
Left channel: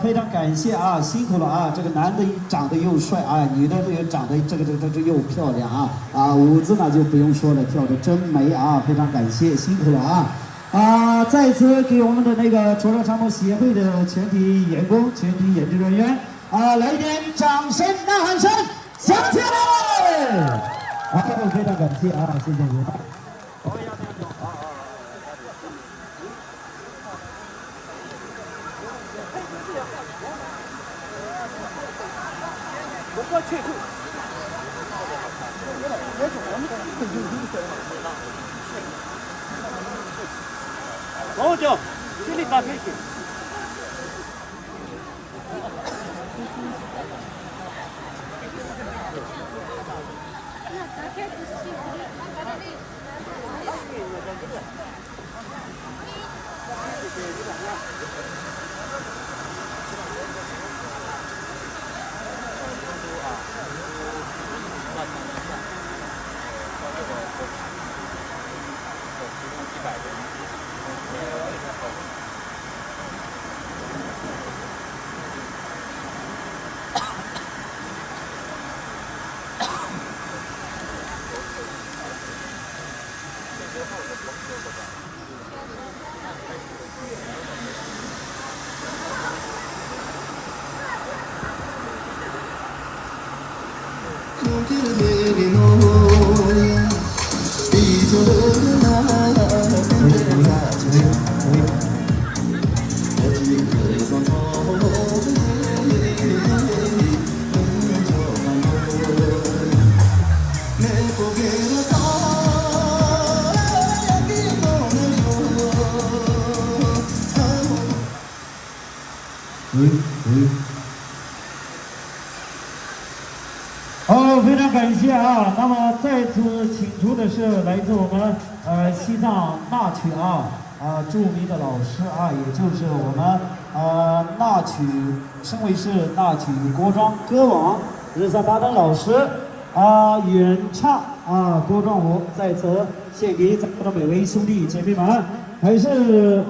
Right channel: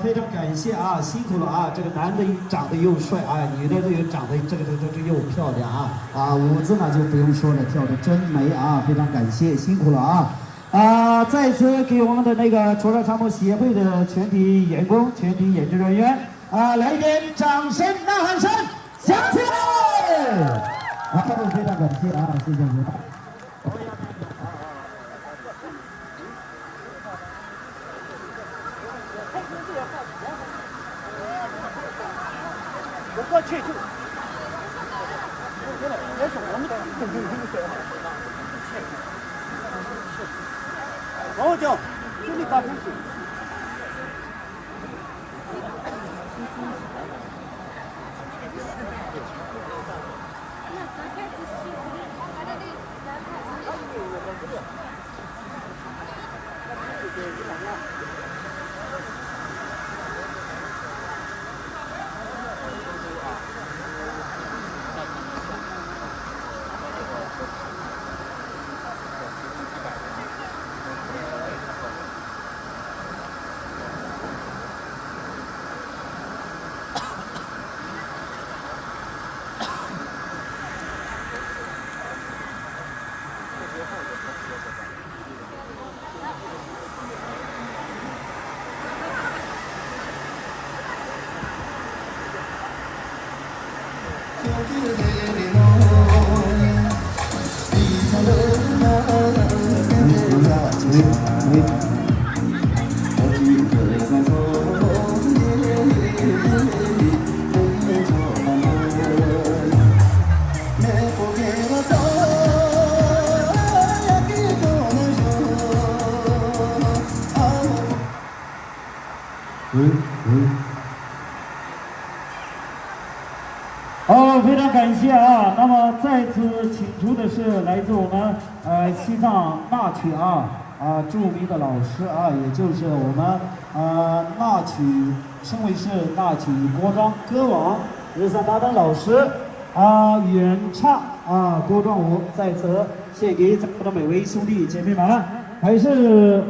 非常感谢啊，辛苦了啊！这个男的长得又帅啊，女的又长得这又漂亮啊！舞姿呢就不用说了，跳的真美啊！非常感谢，辛苦了啊！再次给我们的那个涿州唱梦协会的全体员工、全体演职人员来一点掌声、呐喊声，响起来！非常感谢啊，谢谢您。好叫，这里打开去。那打开仔细。非常感谢啊！那么再次请出的是来自我们西藏纳曲著名的老师也就是我们纳曲省委市纳曲国庄歌王日三巴登老师原唱歌庄舞，在此献给咱们的每位兄弟姐妹们，还是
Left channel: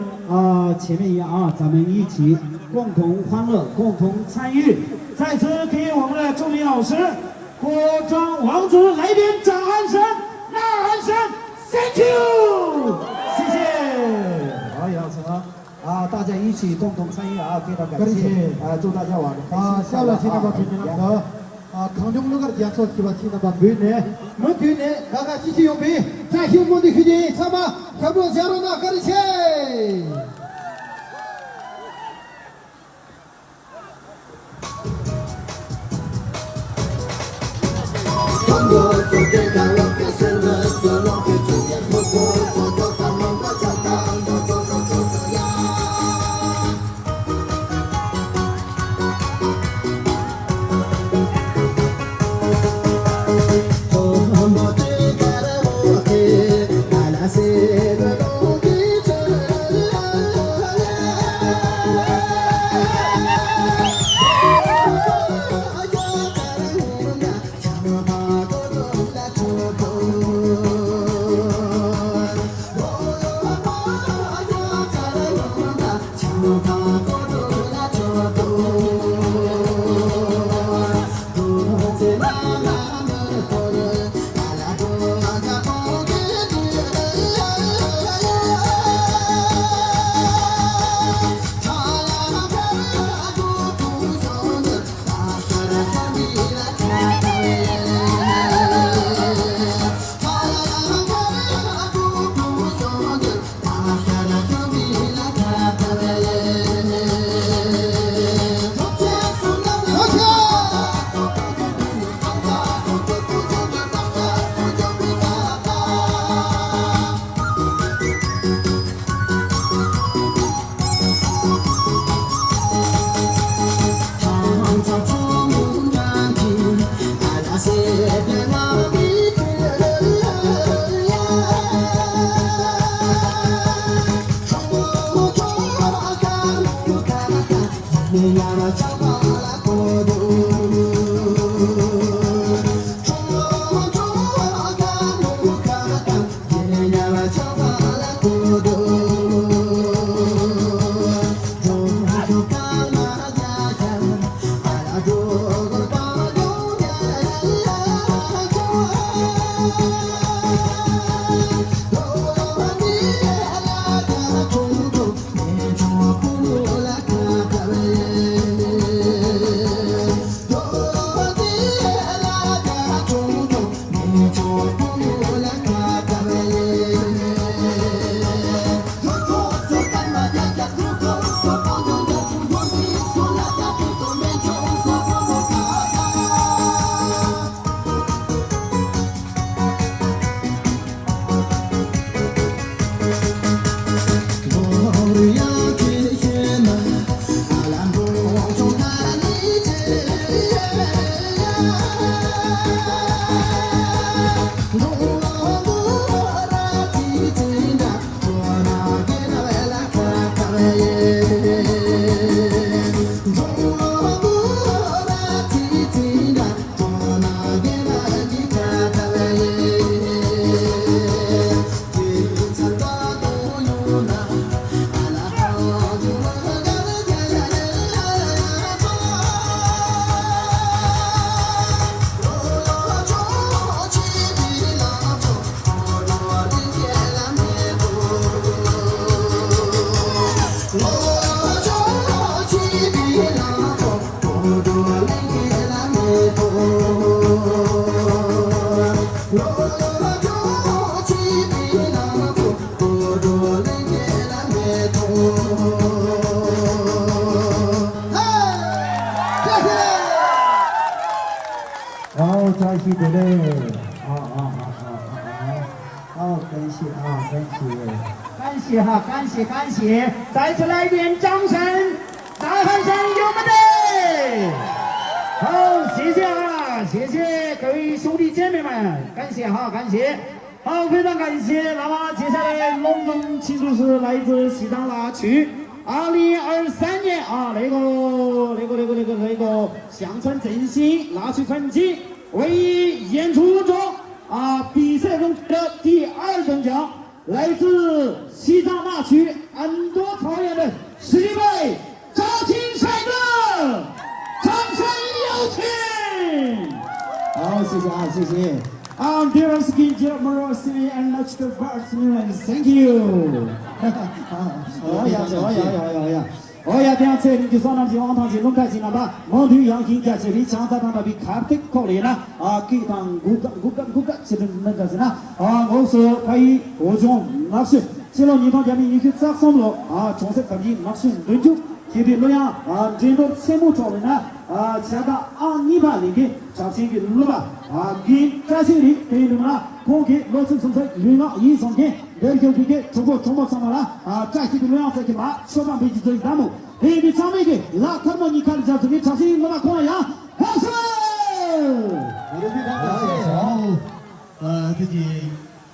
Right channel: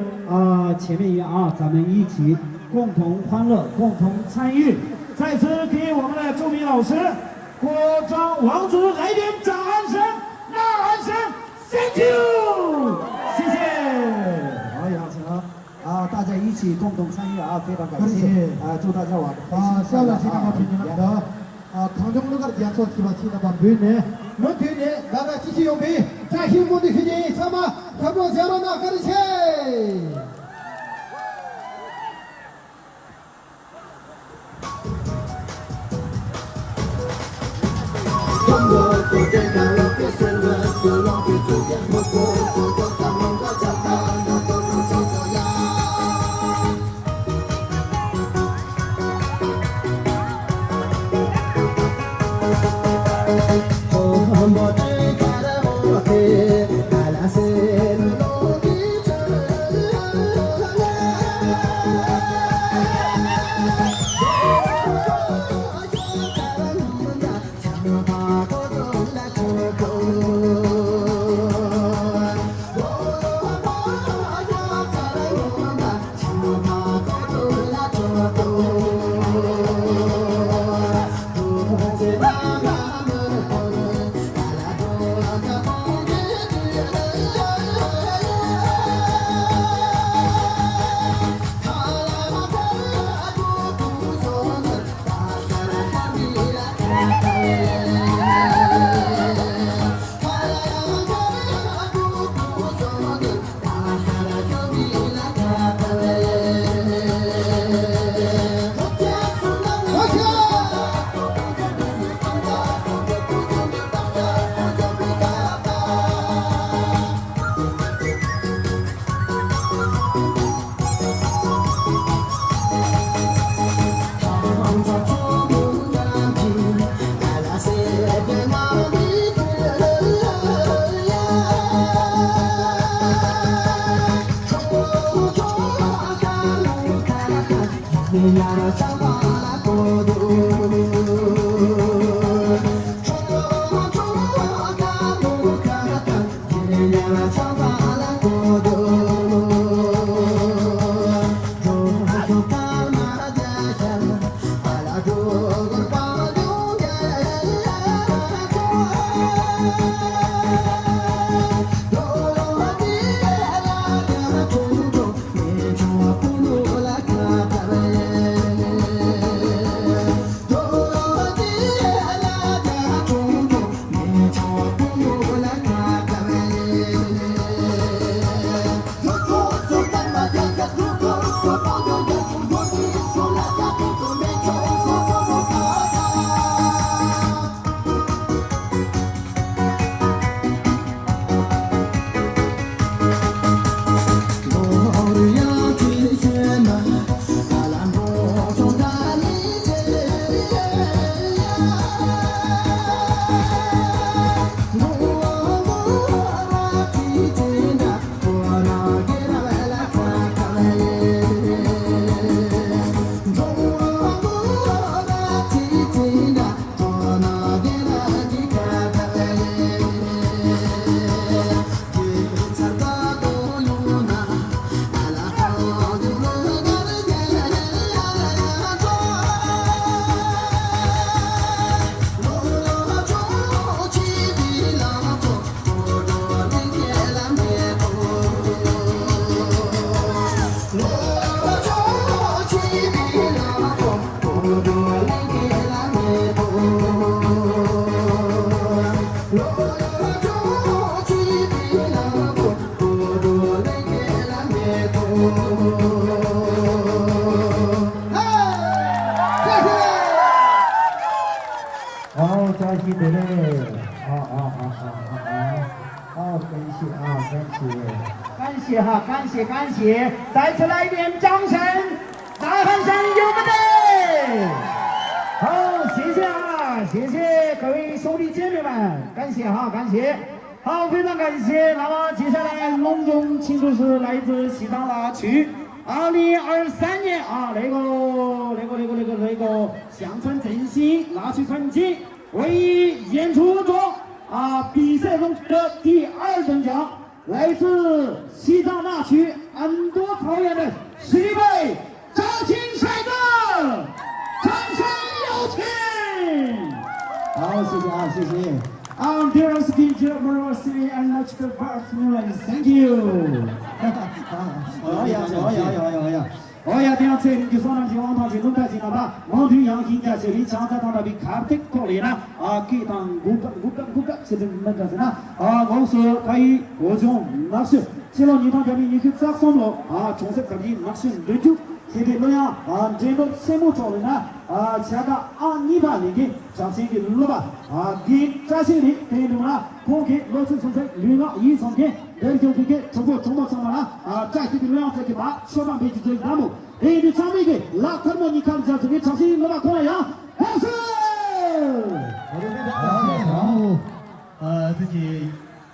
前面一样咱们一起共同欢乐，共同参与。再次给我们的著名老师国庄王子来点掌声、呐喊声 ，Thank you， 谢谢。好，杨成大家一起共同参与非常感谢祝大家晚上下面请大家听听的강정루가 연속 기바치는 반면에 문규네 나가 지시 용비 자 힘분들 휴지 참아 협력 자로나 가르쳐 感谢哈，感谢，再次来一遍掌声，大喊声有没得？好，谢谢啊，谢谢各位兄弟姐妹们，感谢哈，感谢。好，非常感谢。那么接下来隆重庆祝是来自西藏那区2023年啊那个乡村振兴那区春季唯一演出中比赛中的第2等奖，来自西藏那区安多草原的实力派赵青帅哥，掌声有请。好，谢谢啊，谢谢。Dear Skin, dear Moro City and National Parks, thank you. 哦呀，点车你就上南去往他去龙台去那吧，往头阳新家这里强在他那边看得可怜啦，给当古个，这个那个是呐，我说可以我种那是，只要你他家里你去扎上了从这可以那是对就，这边那样这个项目做的呢下个你把那个小心给弄了吧给在这里给弄了，我给老师生产另外一上天。人就这个中国上了在这个路上这个把小半辈子做项目，你唱那个那他们你看一下这个唱声我把看了呀，好声。我都非常感谢，然后自己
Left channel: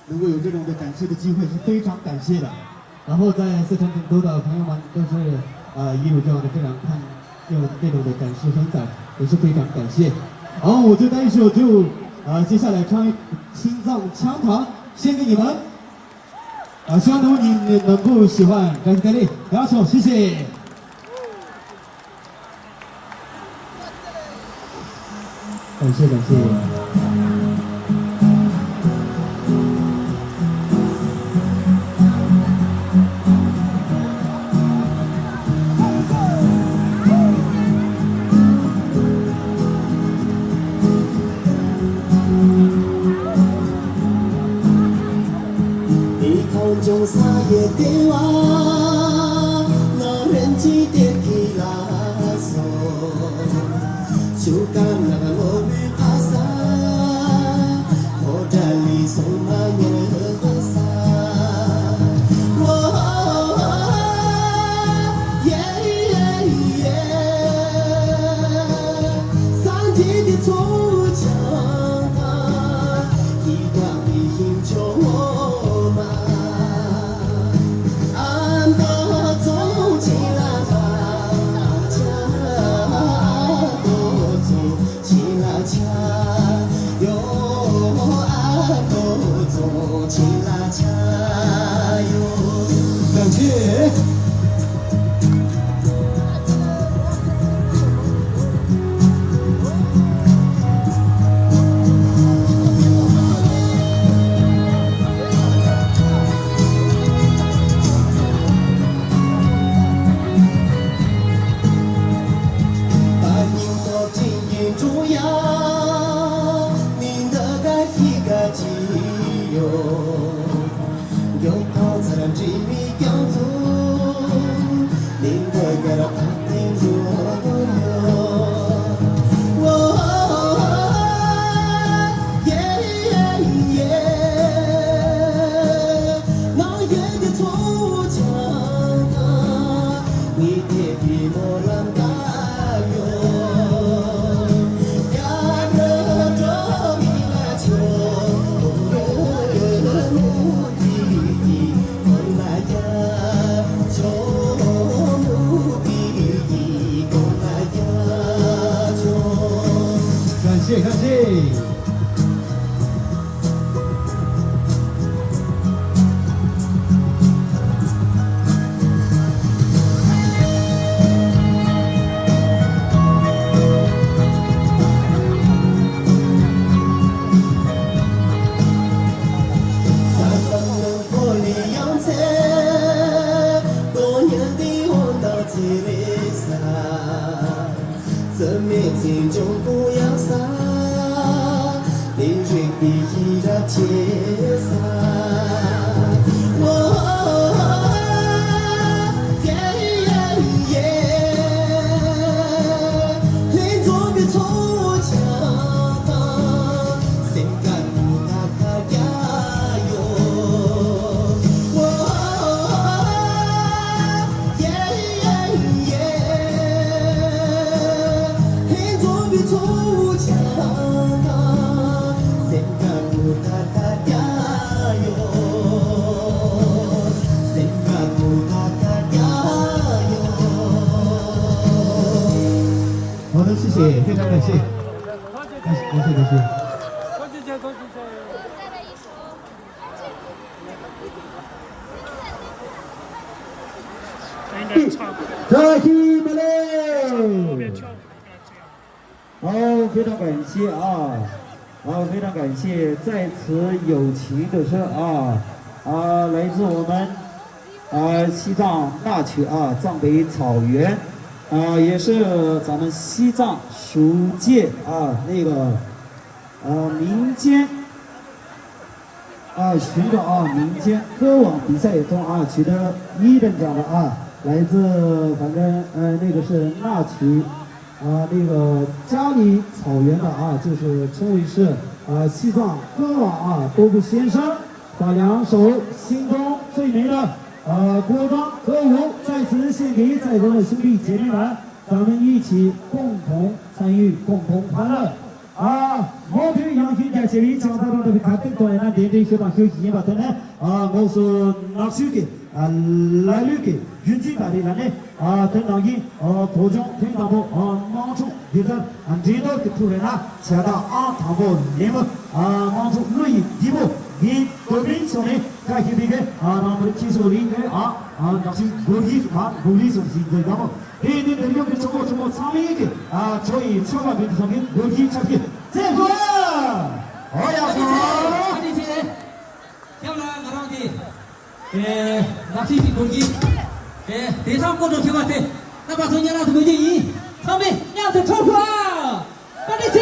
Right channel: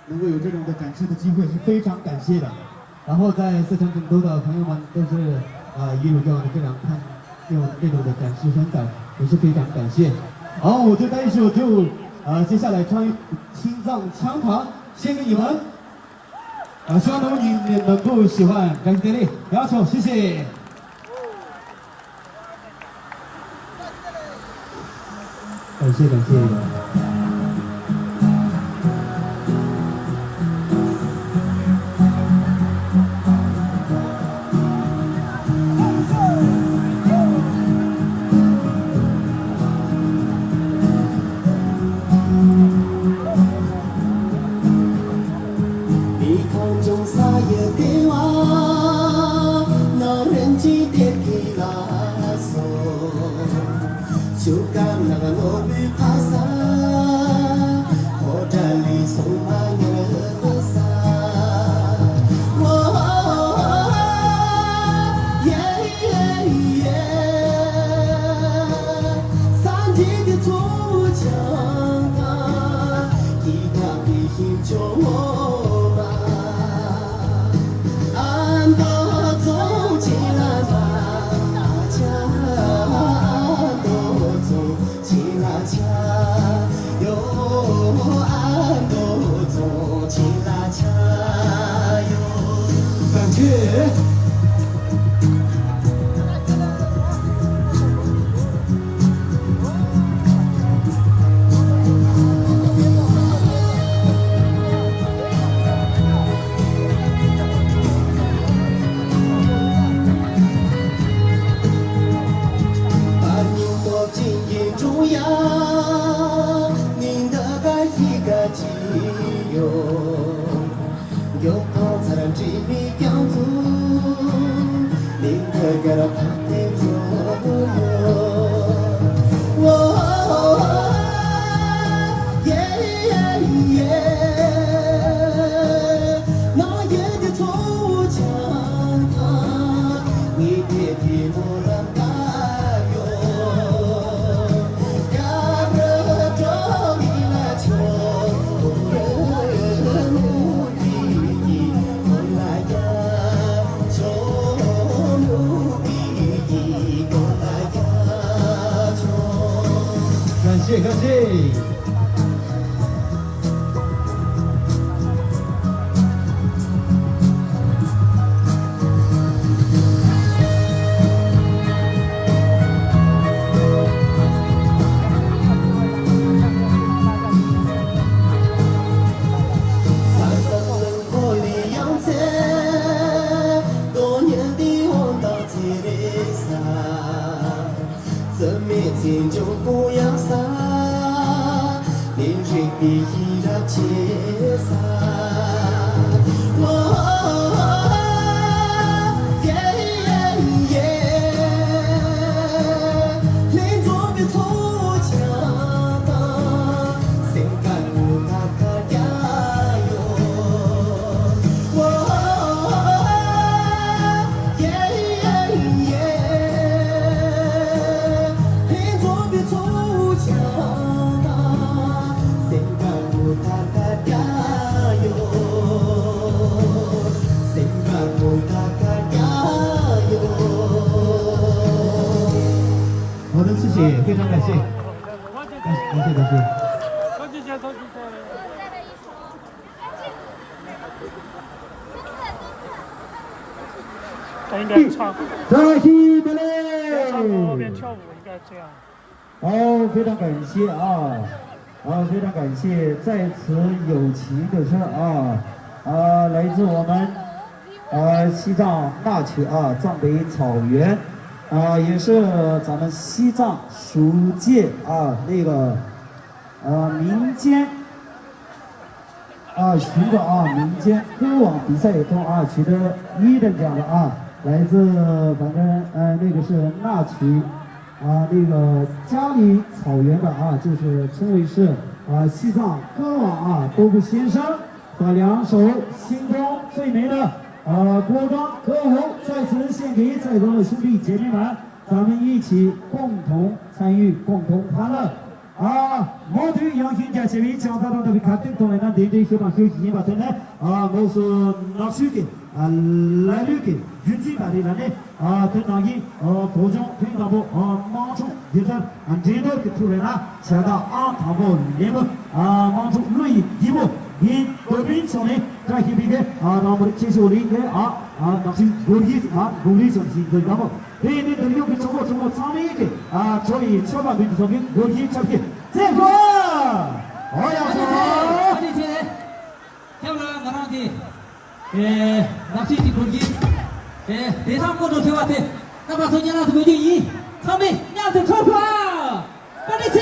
能够有这种的展示的机会是非常感谢的。然后在四川成都的朋友们都是也有这样的非常用这种的展示分享，也是非常感谢。好，我最后一首就接下来唱青藏羌塘献给你们。希望你能够喜欢，感谢你，不错，谢谢。感谢。中撒野给娃，老人记得给拉索，就干那个罗比帕萨，我这里送那年和萨，三季的土墙一条的饮酒。感谢。感谢。谢，非常感谢，感谢感谢。他应该差不多，再起不后边嘞！跳舞应该这样。好，非常感谢啊，非常感谢，在此友情的是来自我们西藏那曲藏北草原也是咱们西藏属界那个民间寻找民间歌网比赛中取得1等奖的来自反正那个是那曲那个嘉里草原的就是称为是西藏歌网多个先生把2首心中最美的歌章歌舞在此献给在座的兄弟姐妹们，咱们一起共同参与，共同欢乐。毛腿杨新家这位讲他的看得到那点点学堂学习吧，真的我是拿手的来旅的，云最大的那呢等当一途中推到不忙出，现在这个的出来了，下到唐国联盟忙出录音一部。이 도빈 손에 가히비게 나무를 치소리게 다시 고리 손이 되고 얘네 들려게 저거 상이게 저희 처가 민성이 여기 저기 제거 어야서 아니세 향나 나라디 납치지 고기 대상권도 되었대 나가서 연락도 거기 3배 야한테 돌파 아니세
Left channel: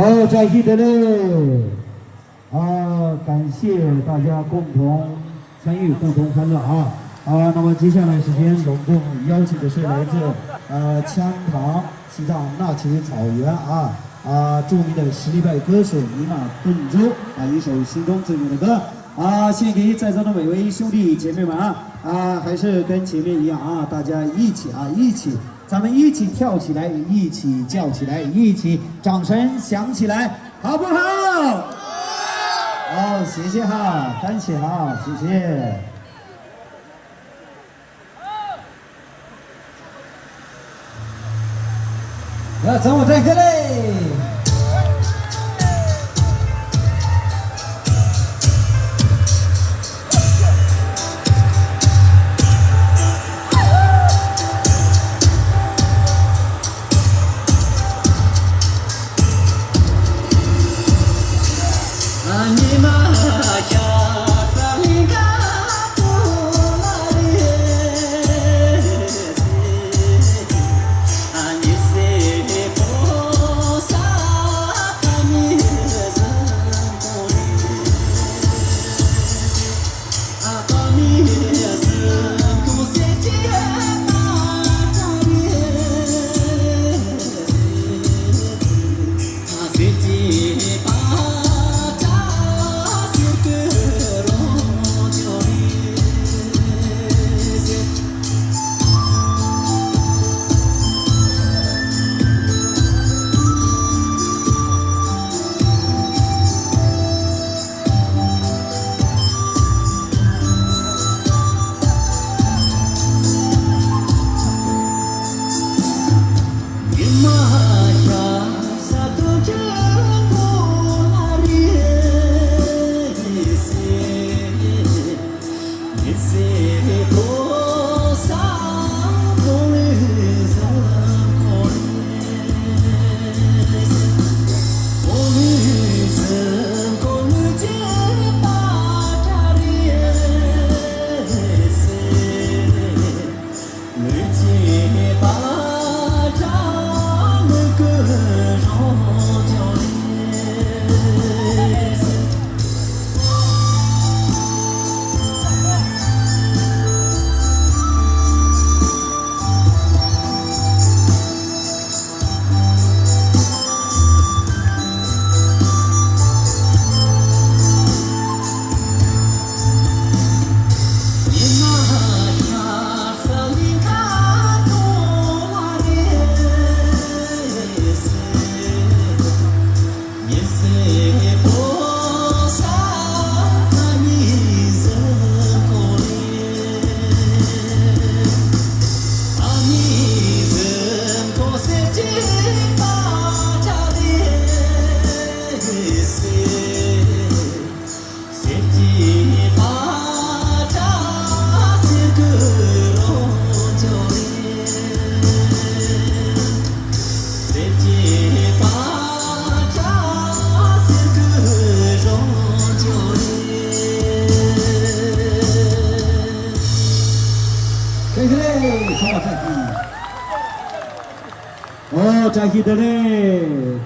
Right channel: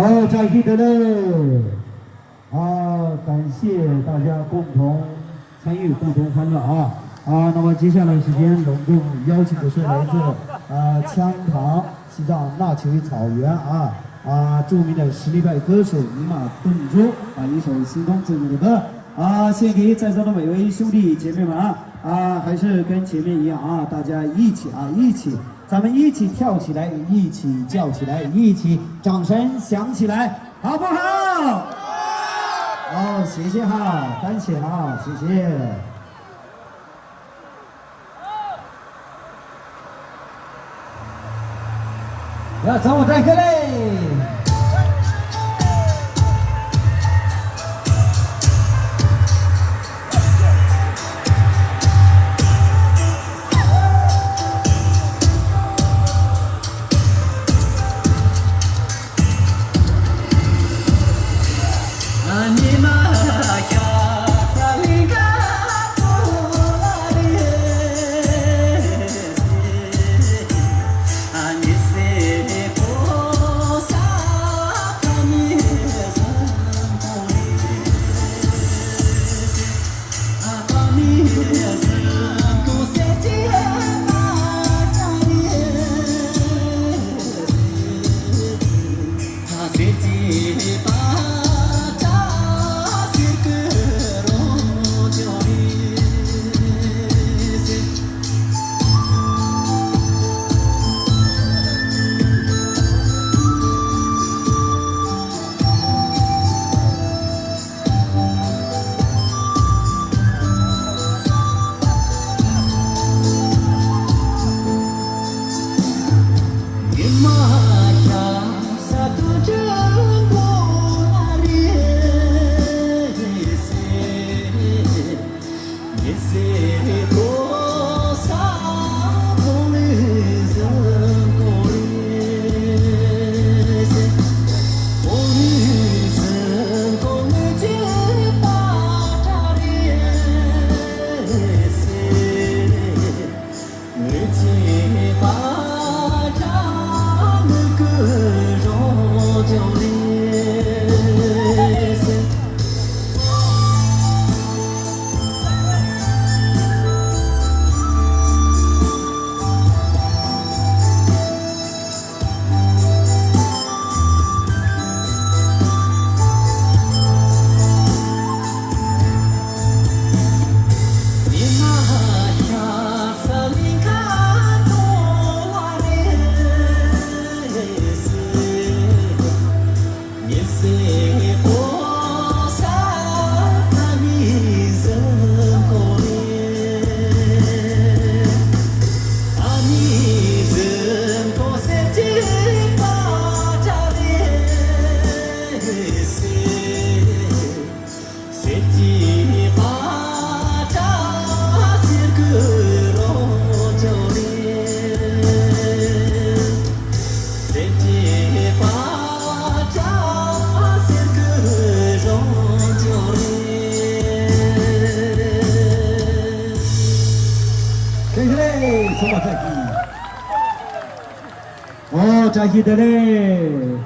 好，扎西德勒，感谢大家共同参与，共同欢乐啊！那么接下来时间隆重邀请的是来自羌塘西藏纳曲草原著名的实力派歌手尼玛顿珠一首心中最美的歌献给在座的每位兄弟姐妹们还是跟前面一样大家一起咱们一起跳起来，一起叫起来，一起掌声响起来，好不好？好，谢谢感谢谢谢。要怎么这个嘞？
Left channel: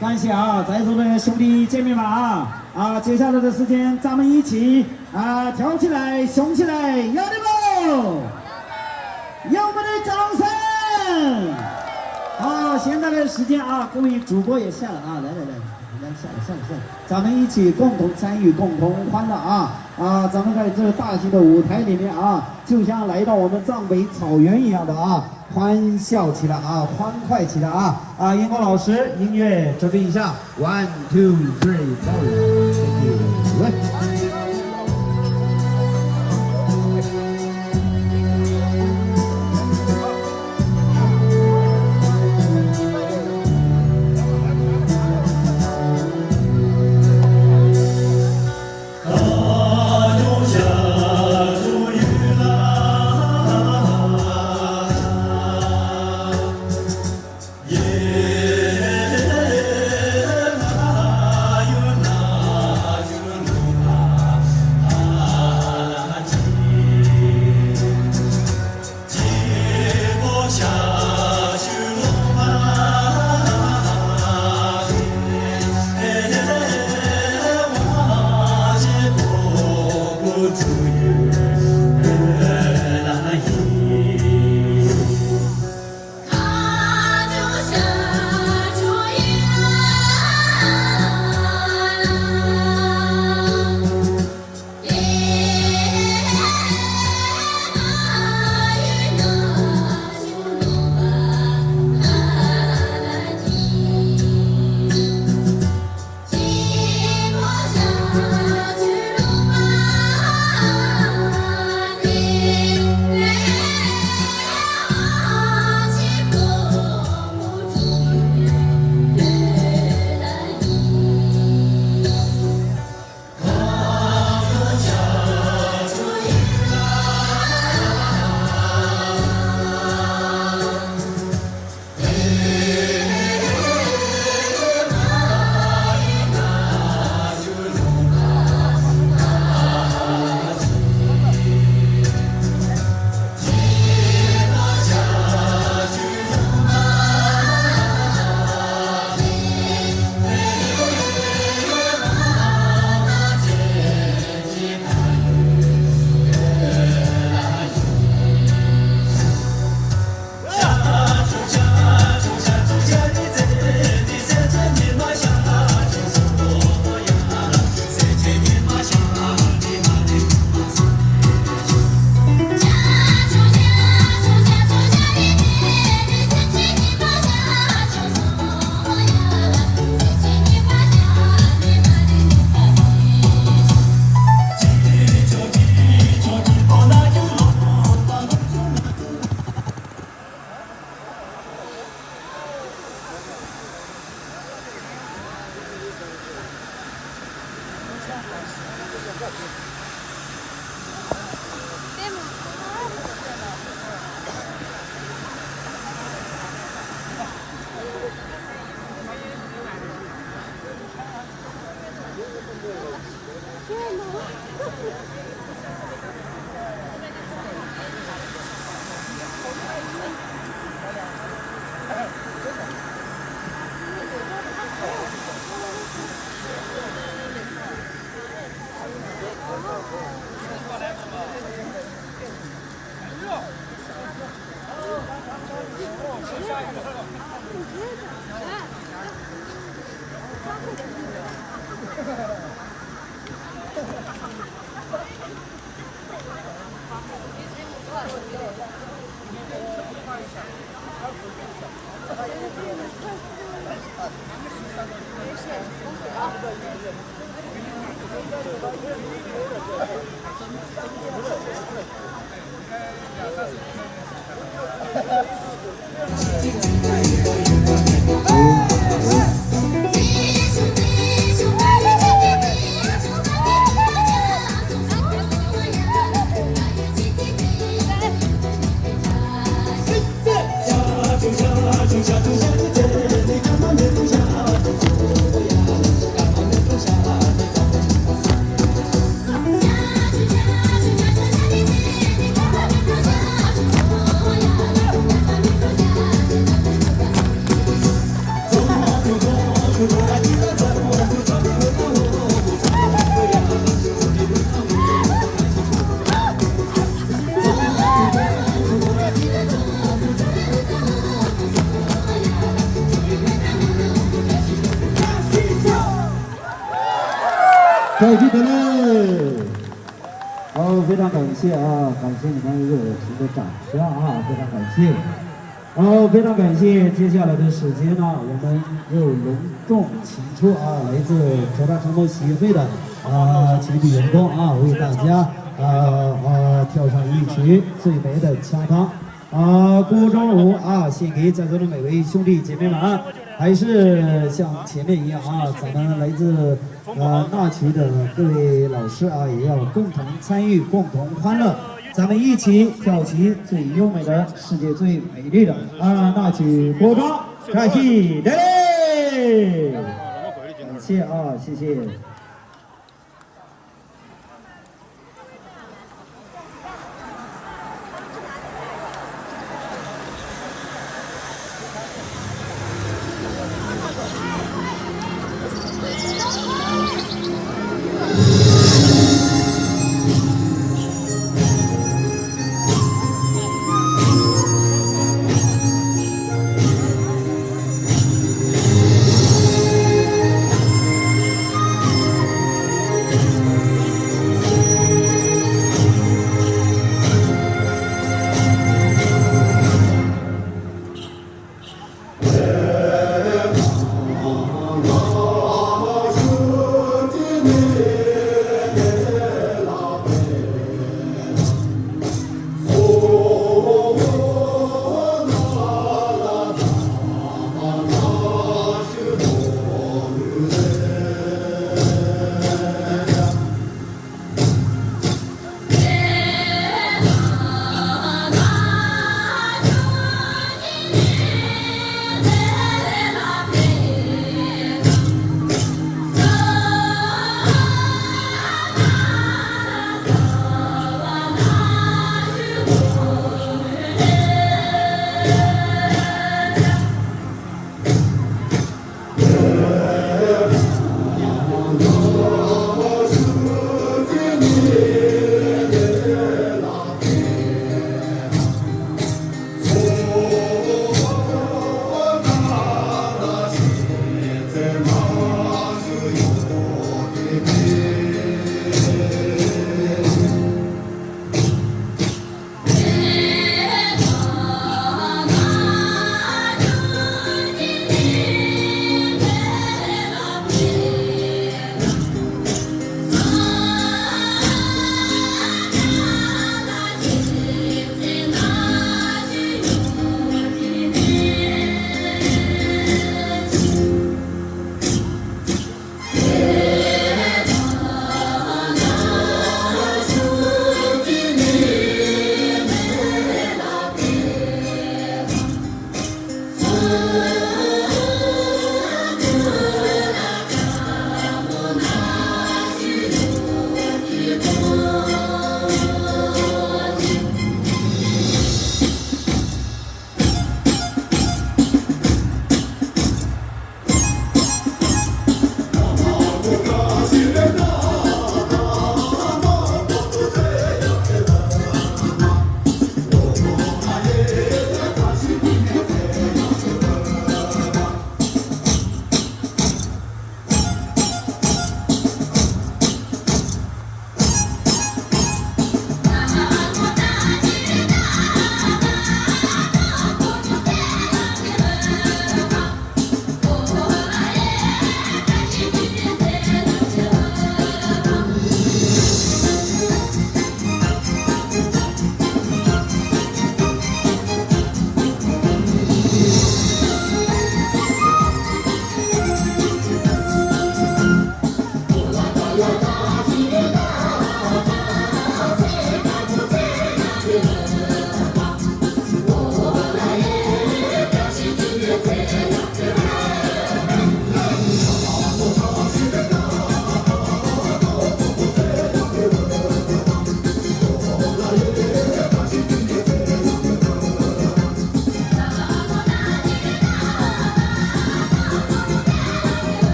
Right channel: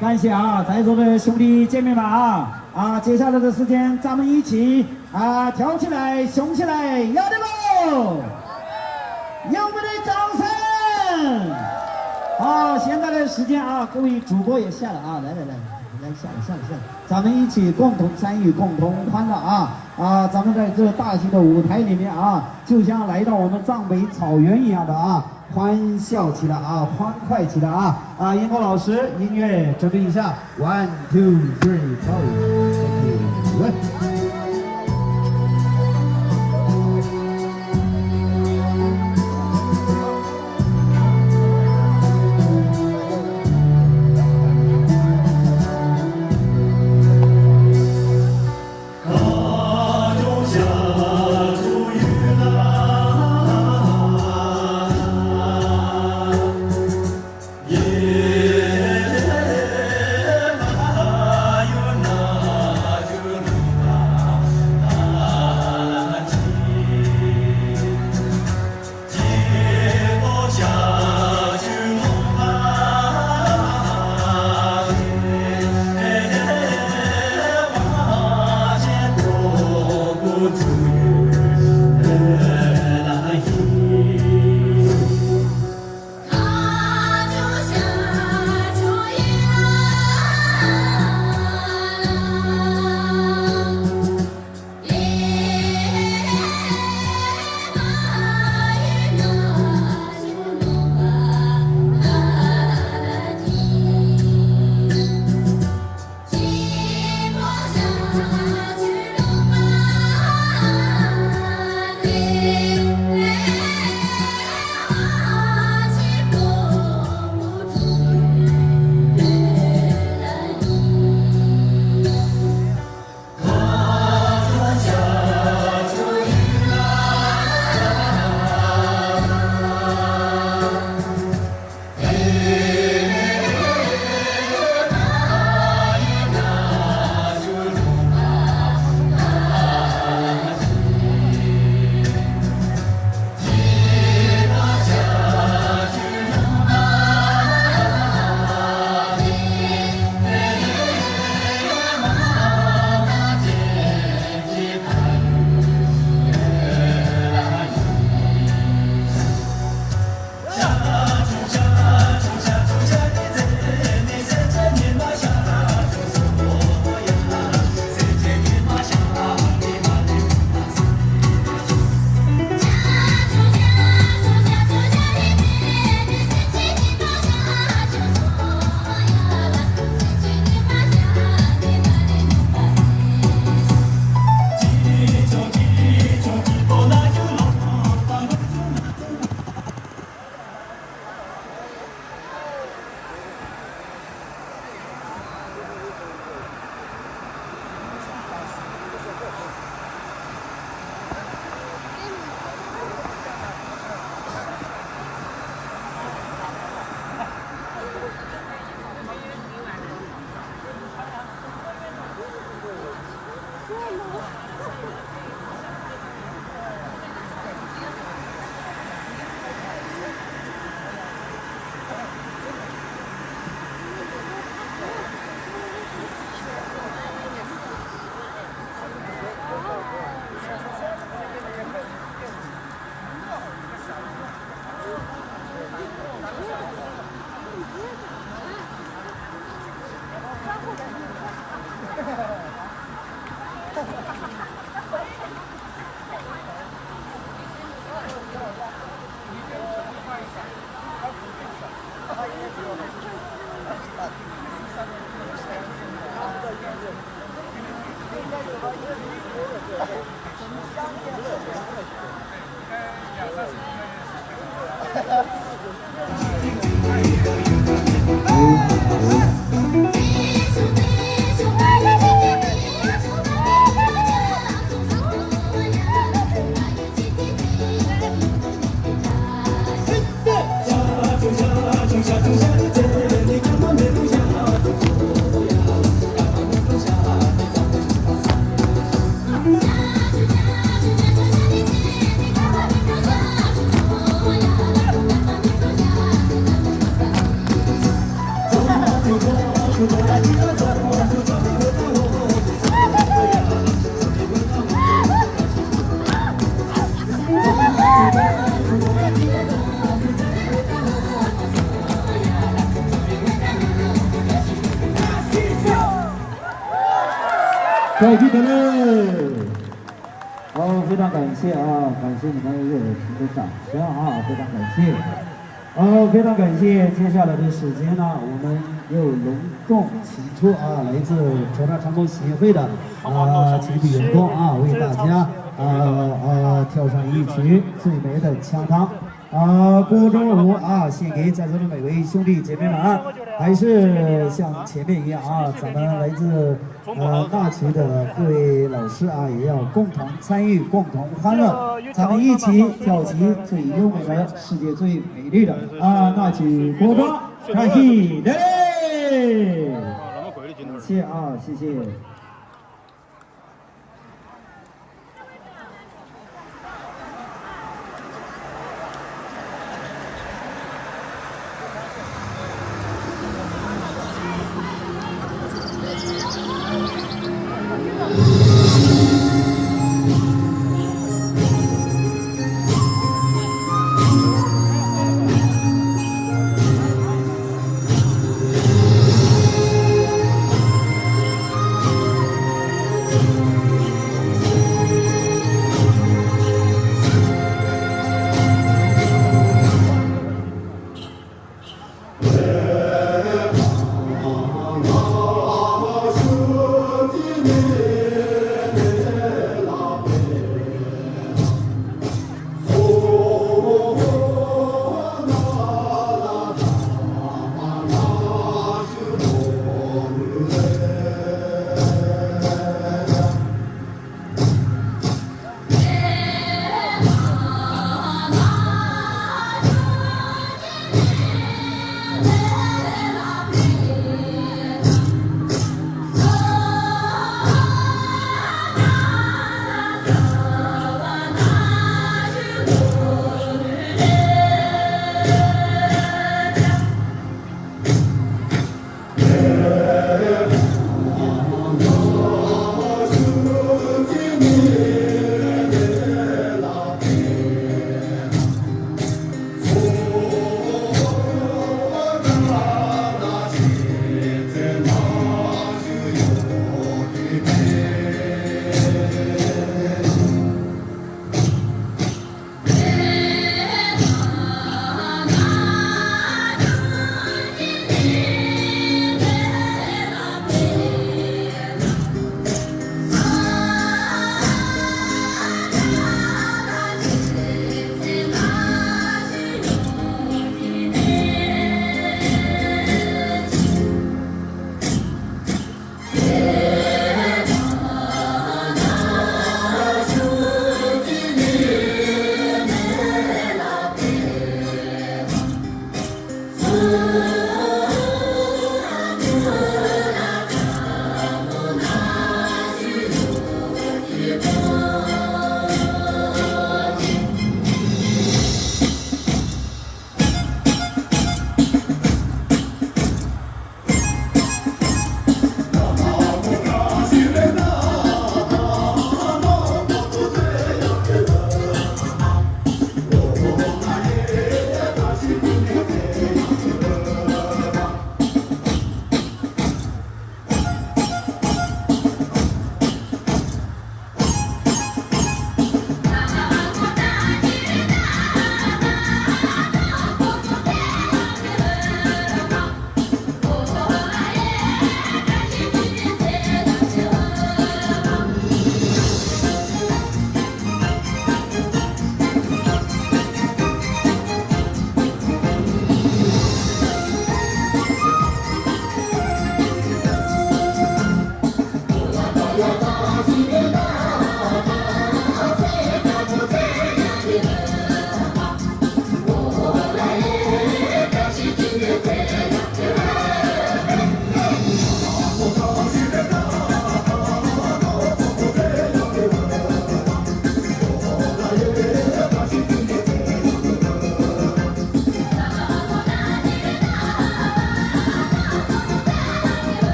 感谢在座的兄弟姐妹们接下来的时间咱们一起跳起来，雄起来，有的不？有我们的掌声！现在的时间各位主播也下了来下了，咱们一起共同参与，共同欢乐咱们在这大型的舞台里面就像来到我们藏北草原一样的欢笑起来欢快起来荧光老师，音乐准备一下 ，1 2 3 go，再见了。好，非常感谢啊，感谢你们热情的掌声啊，非常感谢。好，非常感谢。接下来的时间呢，我们又隆重请出啊，来自口罩长工协会的全体员工啊，为大家跳上一曲最美的腔汤锅庄舞啊，献给在座的每位兄弟姐妹们啊。还是像前面一样啊，咱们来自纳曲的各位老师啊，也要共同参与，共同欢乐，咱们一起跳起最优美的、世界最美丽的纳曲锅庄，开心的嘞！感谢啊，谢谢。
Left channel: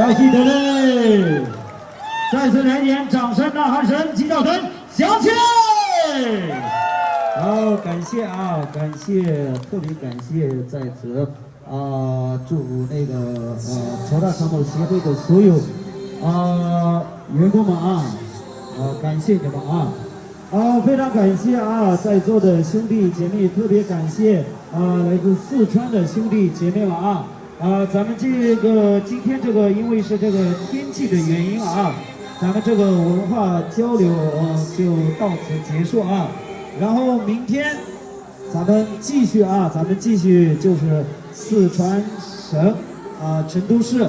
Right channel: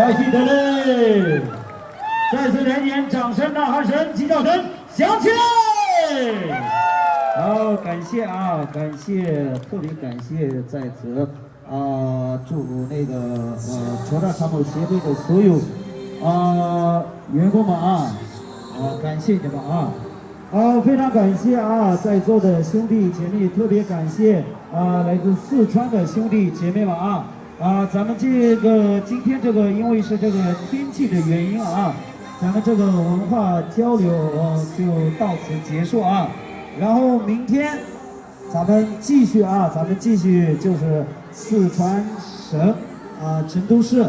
再记得嘞！再次来点掌声呐喊声，祈祷声响起来！好，感谢啊，感谢，特别感谢在此祝那个乔大长跑协会的所有员工们感谢你们非常感谢在座的兄弟姐妹，特别感谢来自四川的兄弟姐妹们咱们今天这个因为是这个天气的原因咱们这个文化交流就到此结束然后明天咱们继续就是四川省成都市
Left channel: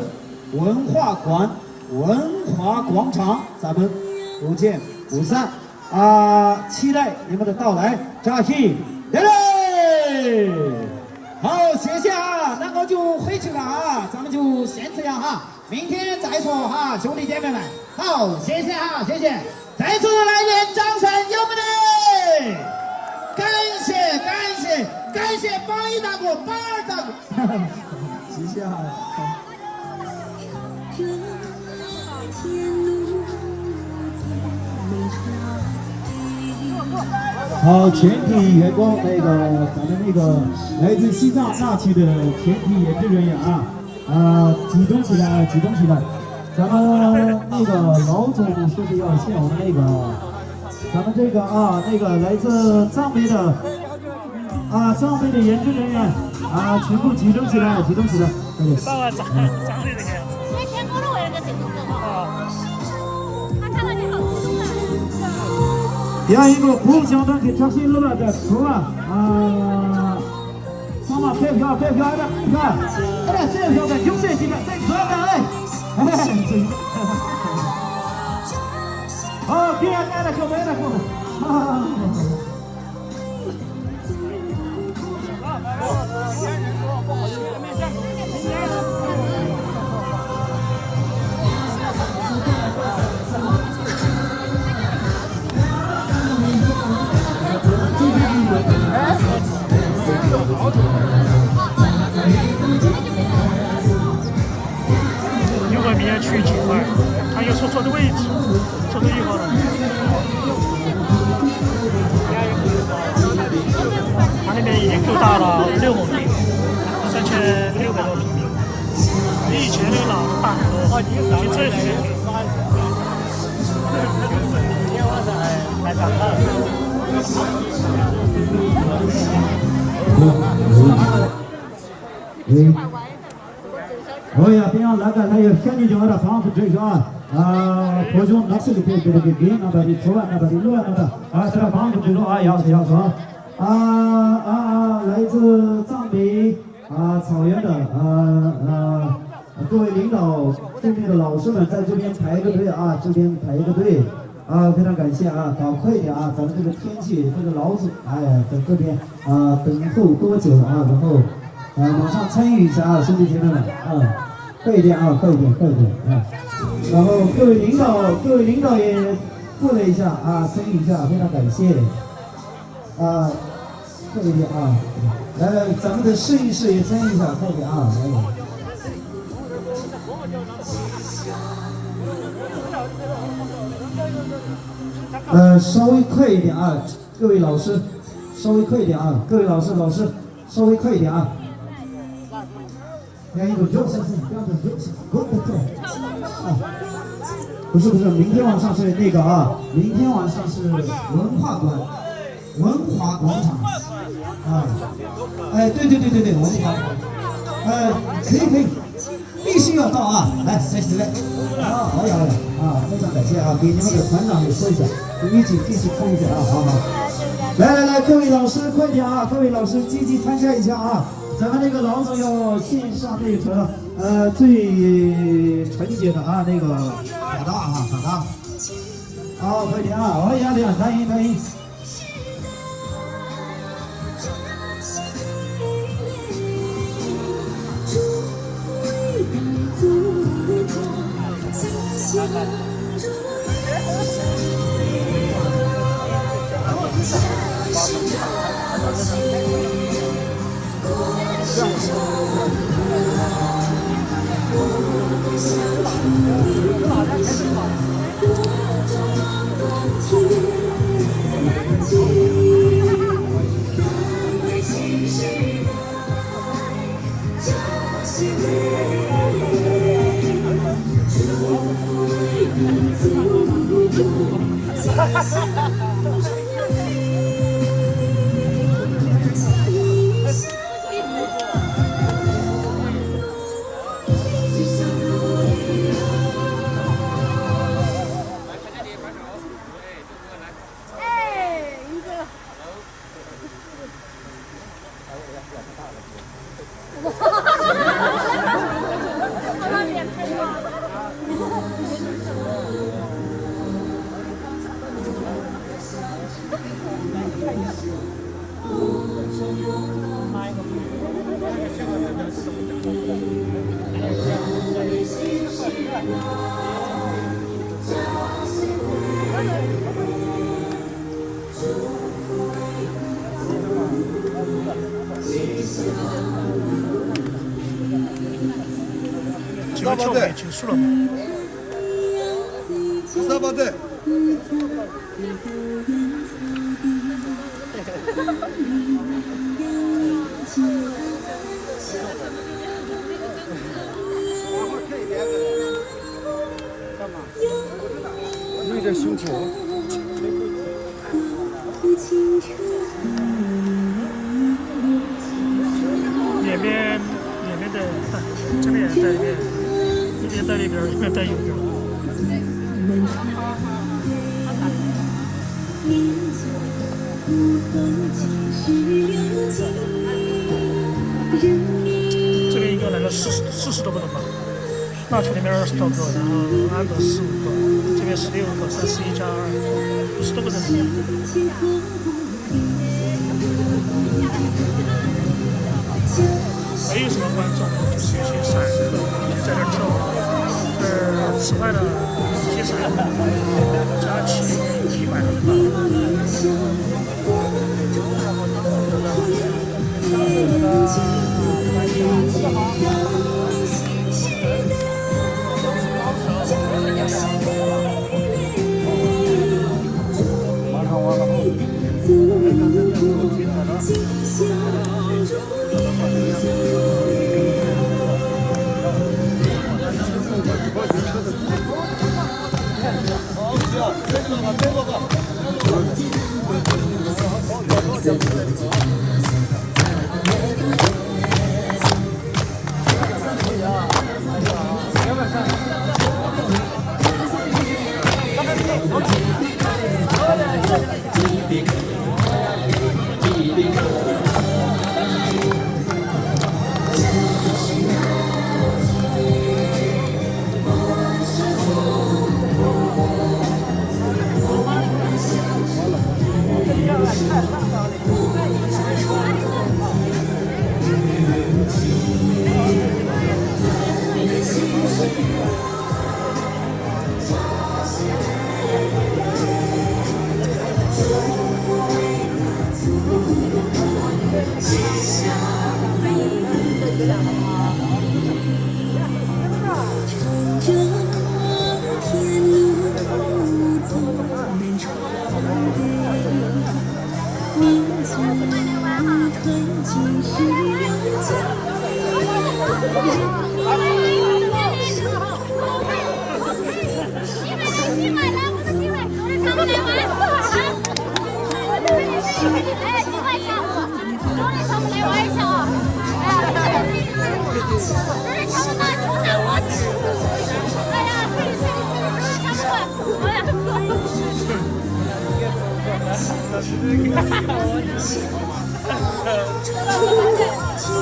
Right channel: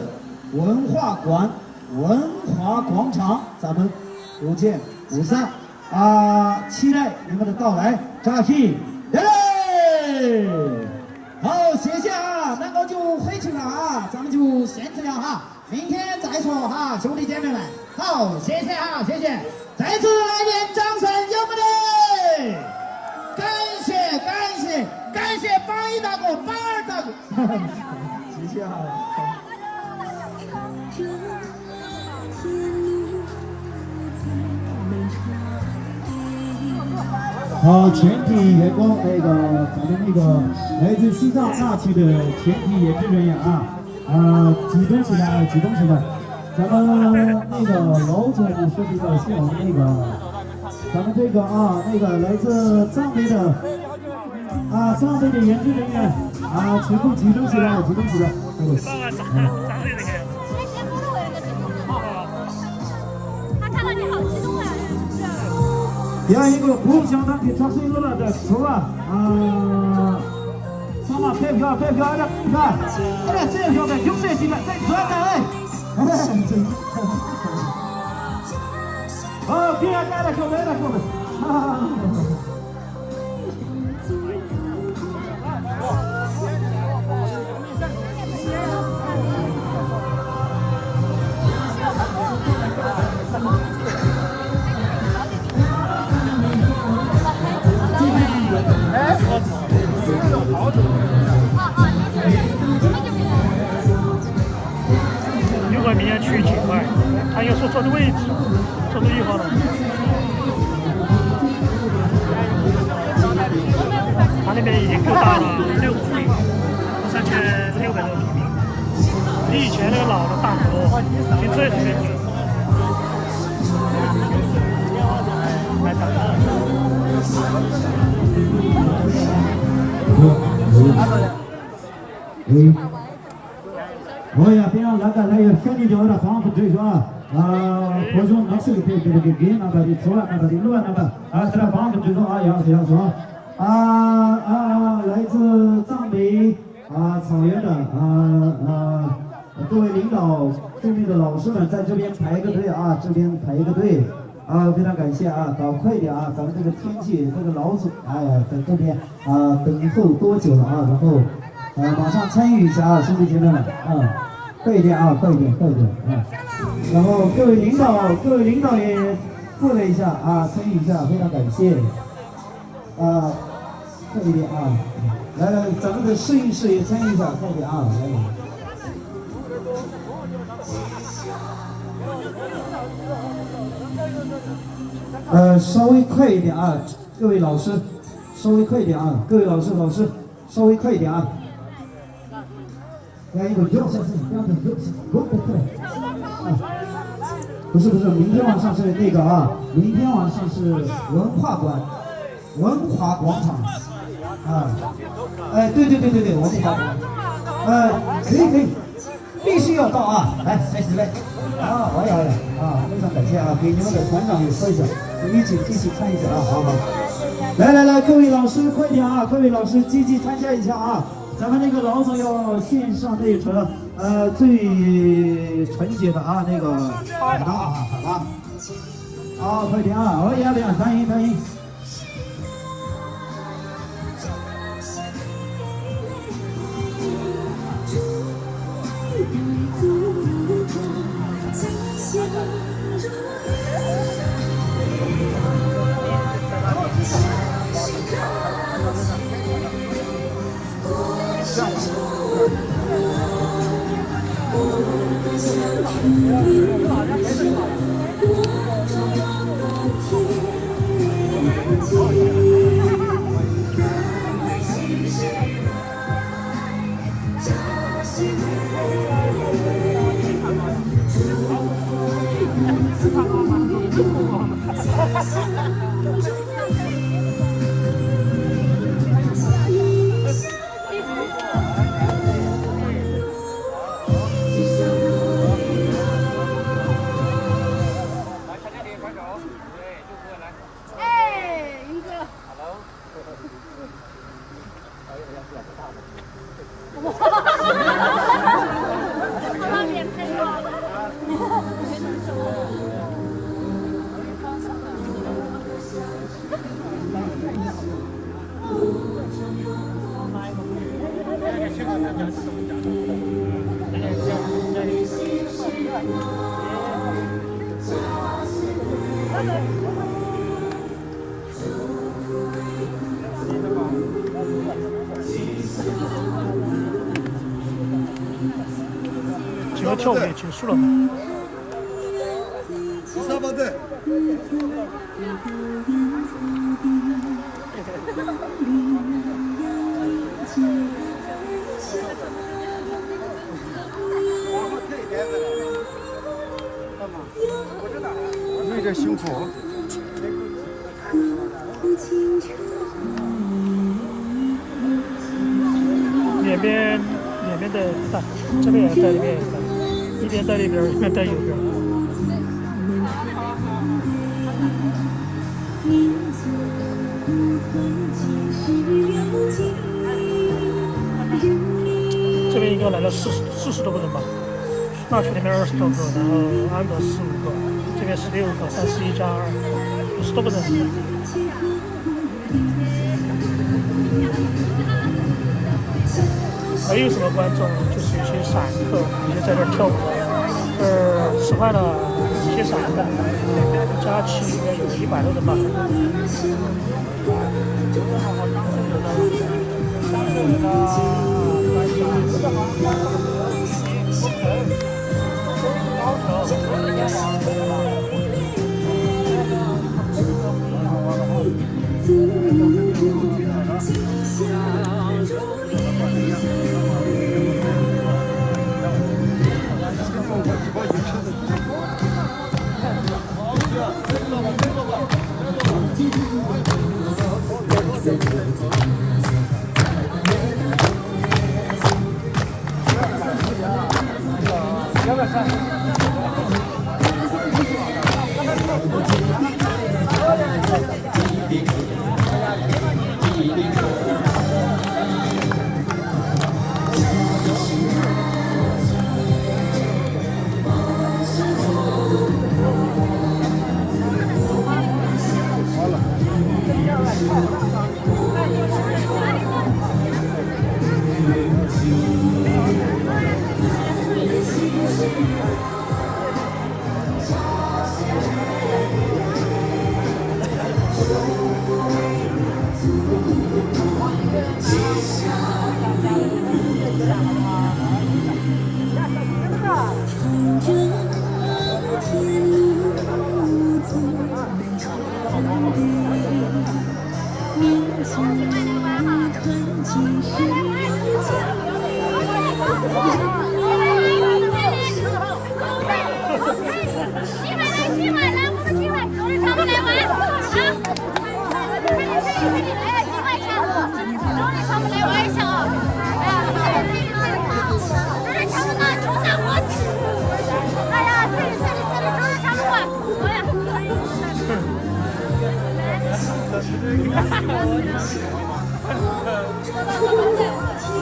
文化广场，咱们不见不散期待你们的到来，扎西，来！好，谢谢那我就回去了咱们就先这样明天再说兄弟姐妹们，好，谢谢谢谢，再次来点掌声，有没得？感谢宝一大哥，宝二大哥，谢谢好，全体员工咱们来自西藏那区的全体演职人员举动起来，咱们老总说是要谢我们咱们来自藏北的演职人员全部举动起来，第二一个服务相当给扎西了的头上马退票的，你看，这票的6岁级的，这可爱别来了，如果明天去景外，他要坐的位置，坐1号了。他那边已经够大了，6亩地，3600多平米，比以前那个老的大很多。停车时间来看。哦呀，别让那个乡里叫的房子这个各种那是给那边的出来那边的路那边这房子这种要说来自藏北草原的各位领导、对面的老师们在这边排一个队非常感谢搞快一点咱们这个天气这个老总在这边等候多久了然后马上参与一下兄弟姐妹们快一点然后各位领导也过来一下参与一下，非常感谢快一点来咱们的试一试也参与一下，快点稍微快一点各位老师稍微快一点各位老师稍微快一点不是，明天晚上是明天晚上是文化广场对，我这个可以，必须要到来来好嘞，非常感谢给你们的团长也说一下，一起看一下好，来，各位老师快点各位老师积极参加一下咱们那个老总要献上那个最纯洁的卡达，好，快点好呀，欢迎。这个跳舞也结束了吗？沙巴队。干嘛？我知道，有点辛苦。两边的带，这边也带，这边也带，一边带里边，一边带右边。这边应该来了40多个人吧，那群里面20多个，然后安德15个，这边16个，31加2，50多个人。还有什么观众？就是一些散客，就在这跳舞的，吃饭的一些散客，加起有100多人吧。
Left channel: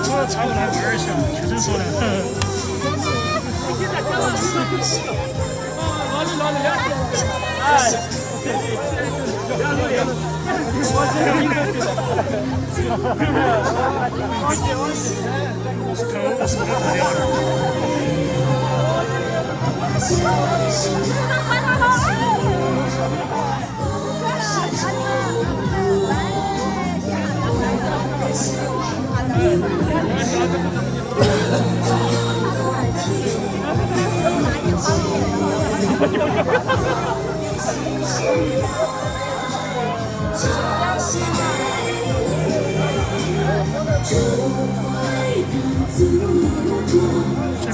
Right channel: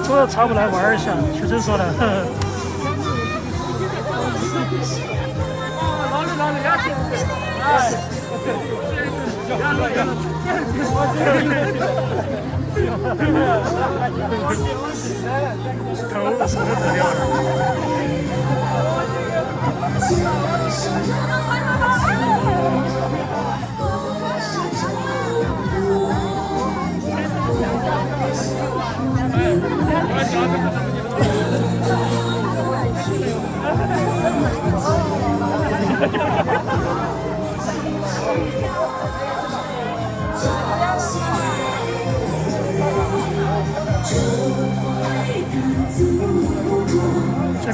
说到茶舞来玩一下，学生说的。头什么特调的？这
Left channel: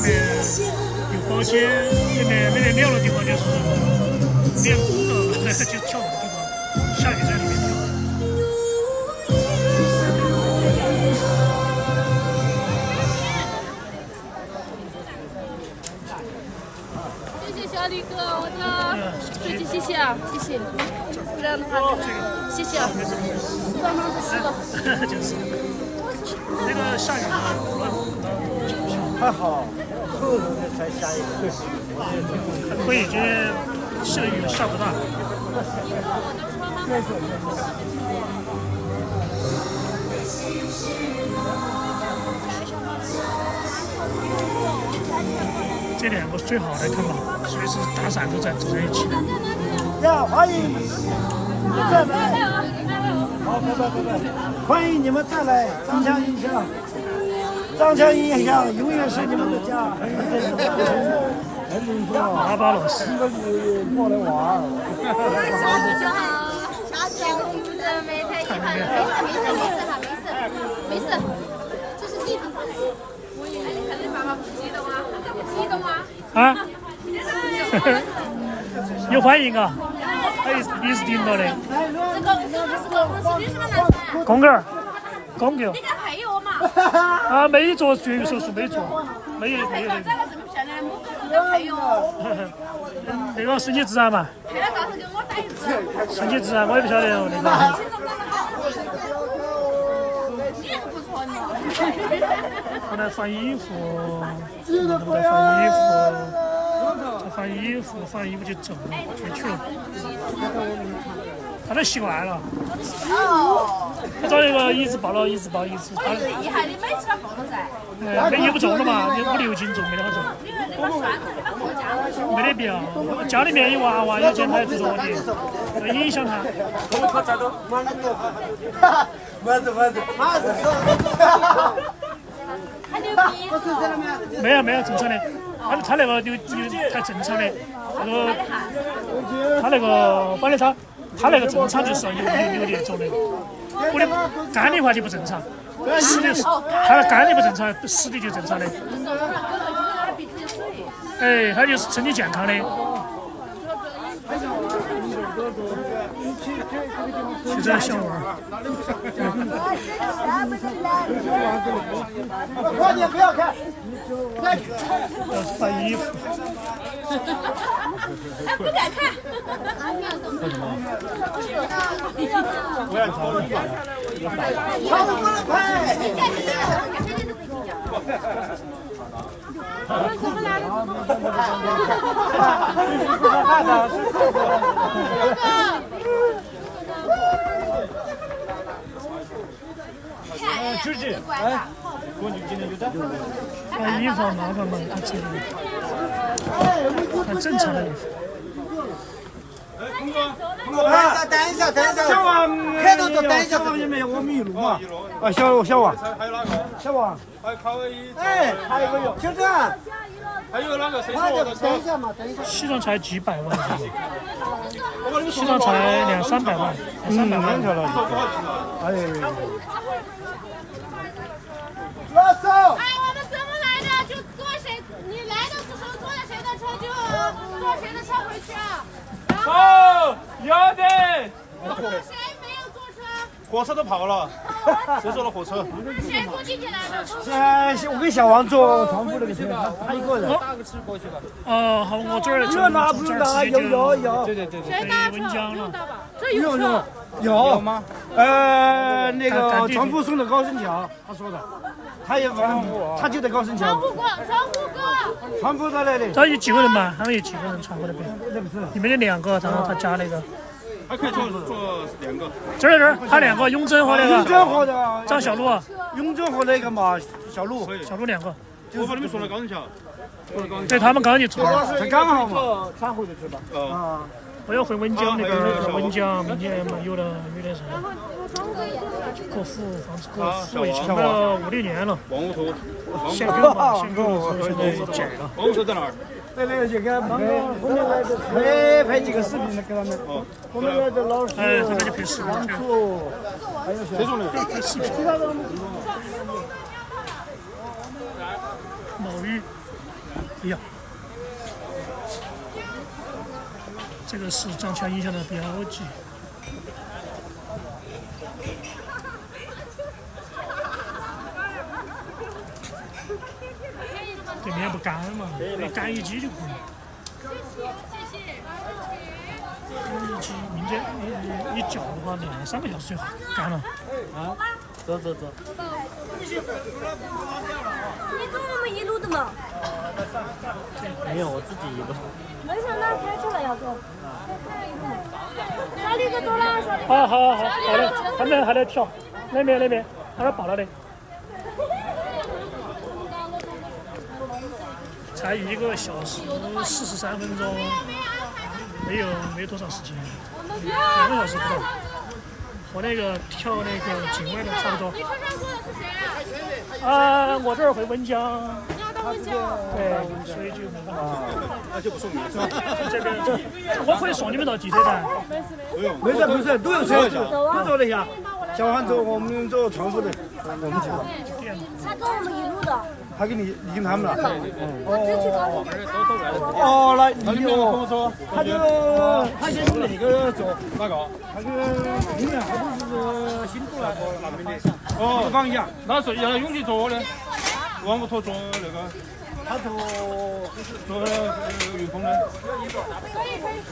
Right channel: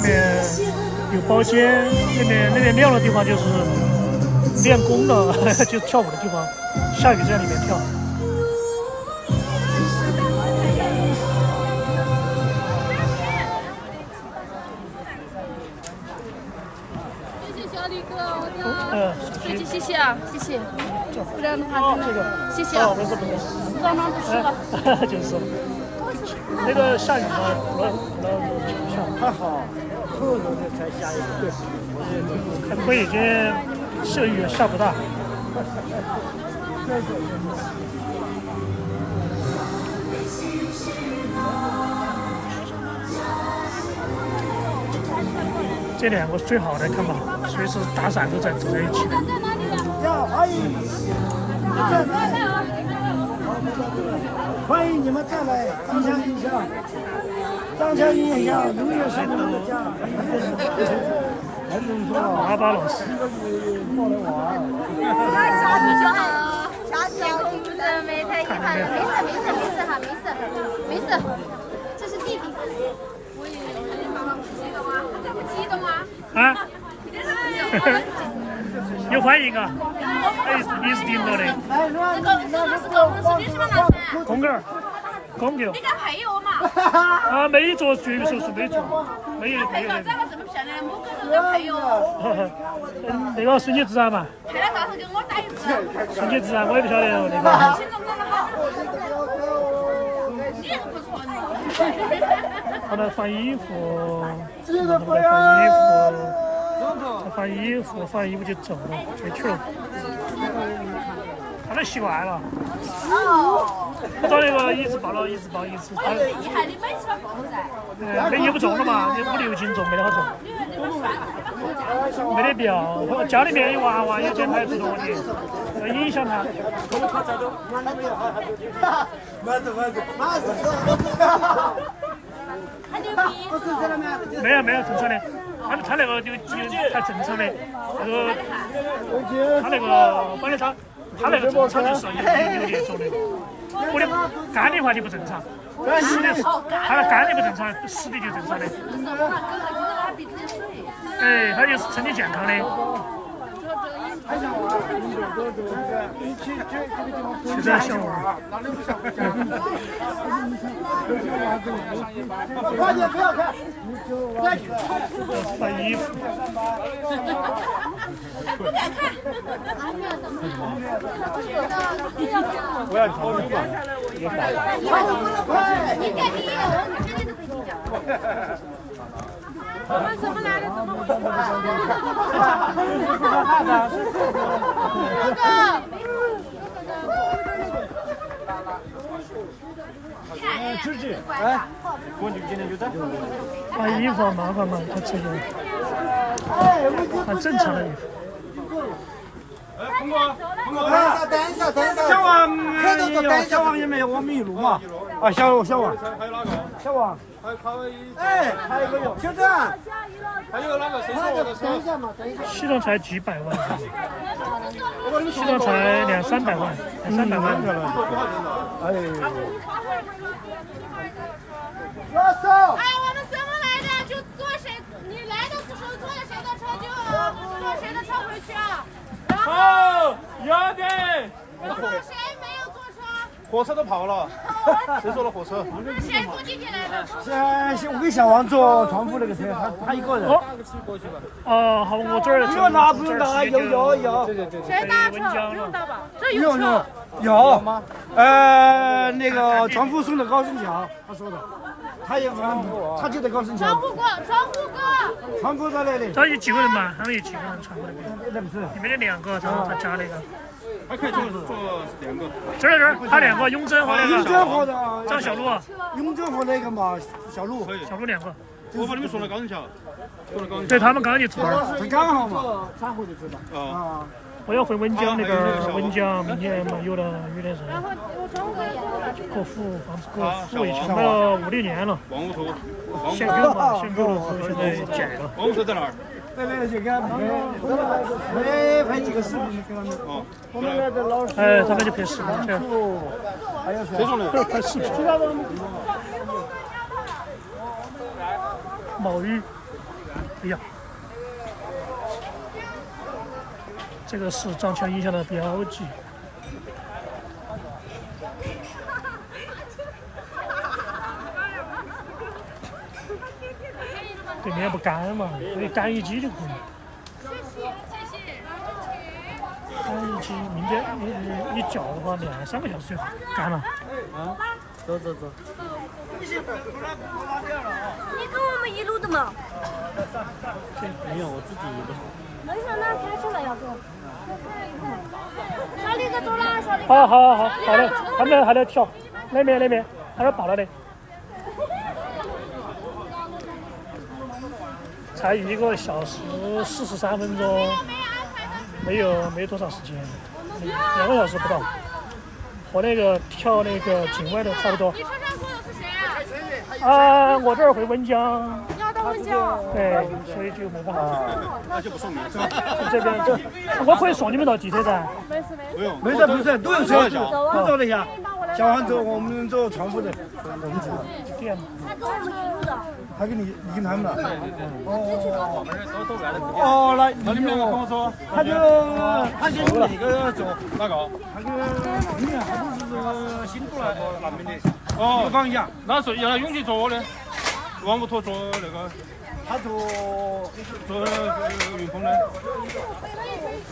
边有包间，那边亮的地方就是练功的，就跳舞的地方，下雨在里面跳。谢谢小李哥，我的手机谢谢啊，谢谢。谢谢。哦，没事没事。就是那个下雨了，可能就下。还好，后才下雨。对，还可以，今天是雨下不大。这两个最好的看吧，随时打伞都在一起的。呀，欢迎！欢迎你们再来张强印象，张强印象永远是你们的家。阿巴老师。下次就好，下次天空不是没太一般，没事，这是地方。我以为你肯定爸爸不激动啊，这不激动啊？啊？有反应啊？你是听到的？这个是公是女生吗？男生？公狗，公狗。你敢配我嘛？啊，没做绝育手术，没做，没有。长得这么漂亮的母狗都敢配哦？那个顺其自然嘛。配了到时候给我打一次。顺其自然，我也不晓得哦，那个。心脏长得好。你那个不错呢。他在放衣服，他们在放衣服，他放衣服就走了，回去了。他都习惯了。他找那个一直抱，他厉害，你每次他抱都在。那也不重了嘛，5-6斤重，没得好重。没得必要，家里面有娃娃，有这台自动问题，要影响他。没有正常的，他那个有太正常的，那个他那个保险仓，他那个正常就是有那种的，我的肝的话就不正常，死的他的肝的不正常，死的就正常的。哎，他就是身体健康的。去这小娃儿。快点，不要看。翻衣服。不敢看。你干第一个，我女生都可以计较。我们怎么来的？怎么回事？就是哎，我就今天就在。换衣服麻烦嘛，他这个换正常的衣服。啊，小王也有，小王也没有，我们一路嘛。啊，小王。哎，还有一个有，就这。还有那个谁？等一下嘛，等一下。西装才几百万，西装才200-300万，200-300万。哎，我们怎么来的？就坐谁？你来的时候坐在谁的车就坐谁的车回去啊。然后有的。谁没有坐车？火车都跑了，谁坐的火车？那谁坐地铁来的？是我跟小王坐床铺那个车，他一个人。哦，好，我这儿从这儿直接就谁搭车？温江了。不用搭吧？这有车。有，那个床铺送的高升桥，他说的，他也反正他就在高升桥。窗户哥，床铺在那里。他有几个人嘛？他们有几个人传过来？那不是，你们有2个，然后他加了一个。还可以坐2个。这儿，他2个，雍正和那个。雍正和的张小璐。雍正和那个嘛，小璐。小璐2个。我把你们送到高升桥，对他们刚刚就坐了。他刚好嘛，才回得去吧。我要回温江那个温江，明年没有了，有点事。然后我转回来做哪去？客户房子客户以前买了5、6年了，王屋头，限购嘛，限购了，所以现在减了。王屋头在哪儿？对，就给他们拍，后面来的拍几个视频给他们。哦，后面来的老师，哎，他们就拍视频去。还有谁？拍视频。冒雨，哎呀，这个是涨强影响的标记。对面不干嘛，你干一机就可以。谢谢。干一机，明天你叫的话，2、3个小时就干了。你跟我们一路的嘛？没有，我自己的。没事，那开出来要走。小李哥走了，小李哥。好，还在跳，那边还在跑了的。才1个小时43分钟，没多少时间，2个小时不到。和那个跳那个境外的差不多。你车上坐的是谁啊？啊，我这儿回温江。你要到温江？对，所以就没办法。那就不送你这边，我可以送你们到汽车站。不是，都有车，都走了一下。小黄走，我们走窗户的，我们走了。他跟我们一路的。他跟你跟他们了。哦，那你哦，他跟那个走哪个？他跟里面好像是新都来那边的。哦，一个方向。那是原来永吉坐的，王屋头坐那个，他坐云峰的。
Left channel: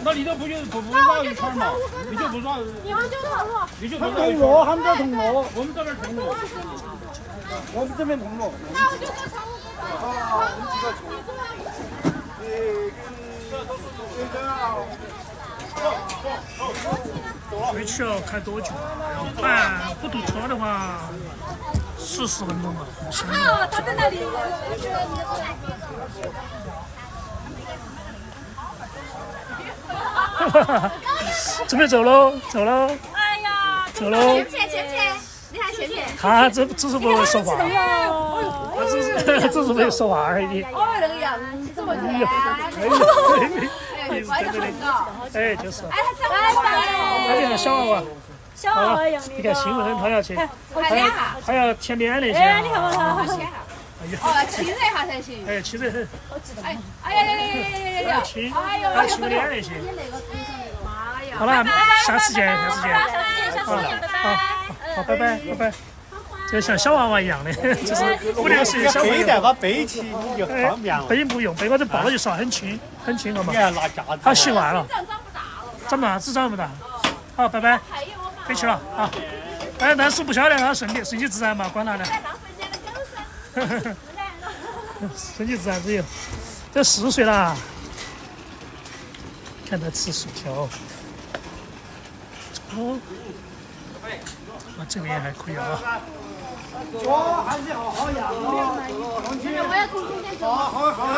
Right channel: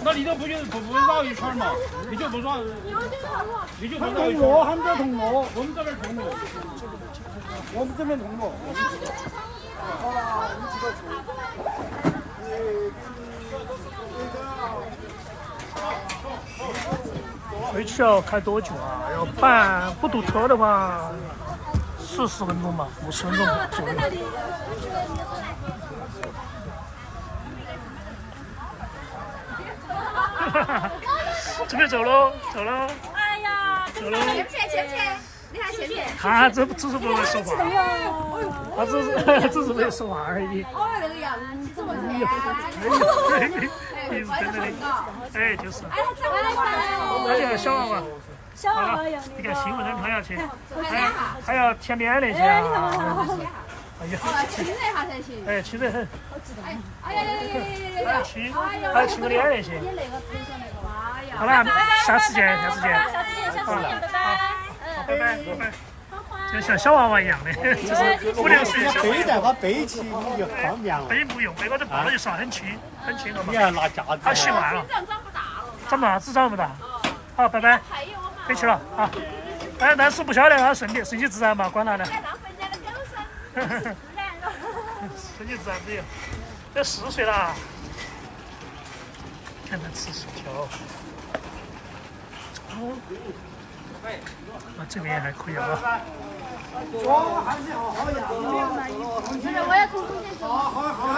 那你都不绕一圈嘛？你就不绕。你们就跑路。你就不绕一圈。他们在铜锣，我们这边铜锣。我们这边铜锣。回去要开多久啊？要不堵车的话，40分钟吧，50分钟。他在那里。准备走喽。哎呀，走喽。前不前？你看前面。他只是不会说话，他只是会说话而已。哦，那个样子这么甜。哎，就是。哎，他那个小娃娃。小娃娃一样的。你看兴奋他要去，还要舔脸那些哎，你看啊。我。哎呀。哦，亲热一下才行。哎，亲热很。哎呀，亲个脸那些。妈呀！好了，下次见。下次见，拜拜。好，拜拜。就像小娃娃一样的，就是5、6岁小娃娃。背带把背起你就方便了。背不用，背我这抱就上很轻了嘛。你还拿架子？他习惯了。长不大了。长不大，只长不大。好，拜拜。可以去了啊。但是不晓得他顺其自然嘛，管他的。顺其自然不有。这4岁了，看他吃薯条。哦。那这边还可以啊。还是好养。现在我要从中间走。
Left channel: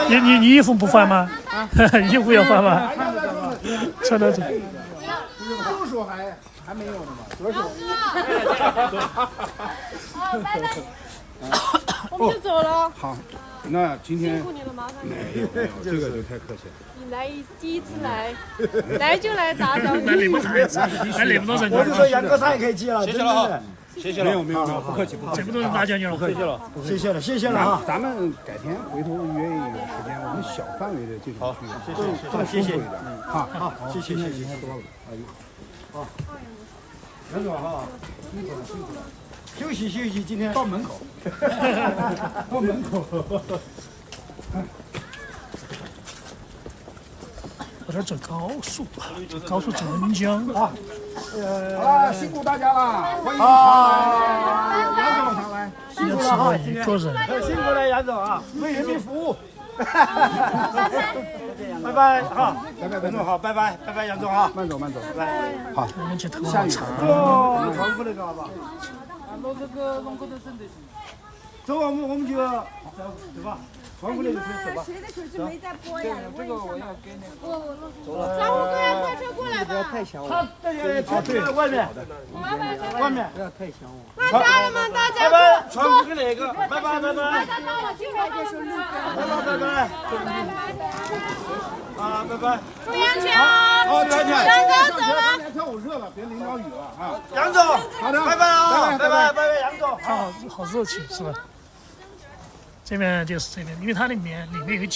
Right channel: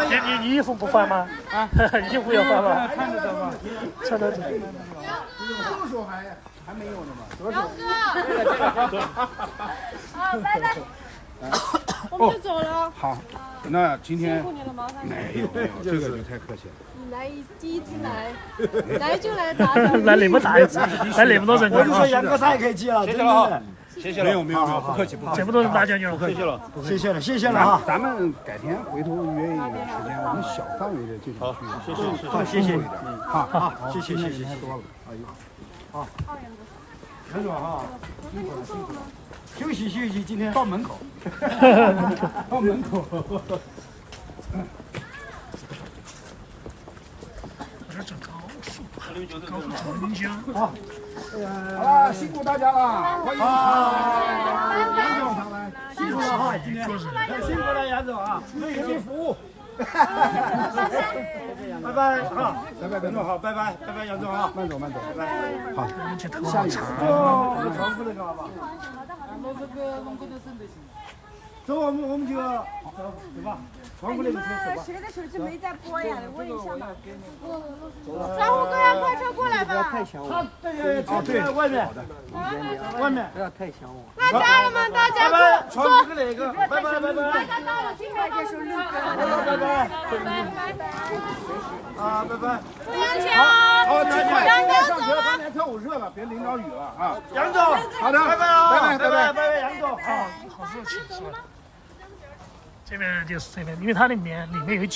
你衣服不换吗？啊，衣服要换吗？看着吧。穿到这。就说还没有呢嘛。好，拜拜。我就走了。好，那今天辛苦你了，麻烦你。没有，这个就太客气了。你来第一次来就来打扰。来那么大一次，来那么多人我说杨哥太客气了，真的。没有，不客气。这么多人打搅你了，不客气了。谢谢了啊！咱们改天回头约一个时间，我们小范围的这种去，好，谢谢。好，谢谢多了。哎呦，好，杨总哈，辛苦了。休息，今天到门口。到门口。我这走高速走温江。好，好了，辛苦大家了，欢迎杨总上来。辛苦了哈，今天做人。辛苦了杨总啊，为人民服务。拜拜，好，杨总好，拜拜，杨总啊，慢走，拜拜，好，我们去头好长。哦，你重复那个好吧？好的，我这个龙沟头省得行。走吧，我们就走吧，放过来就可以走吧。谁的手机没在播呀？问一下嘛。小虎哥呀，快车过来吧。啊，对，外面，外面。那家人们，大家坐。拜拜拜拜。大家到了，今天别说路拜拜。啊，拜拜。祝杨强。好，再见。杨总走了。天我热了，别淋着雨了啊。杨总，好的，拜拜拜拜。它好热情是吧？这边就是这边，因为它里面有几。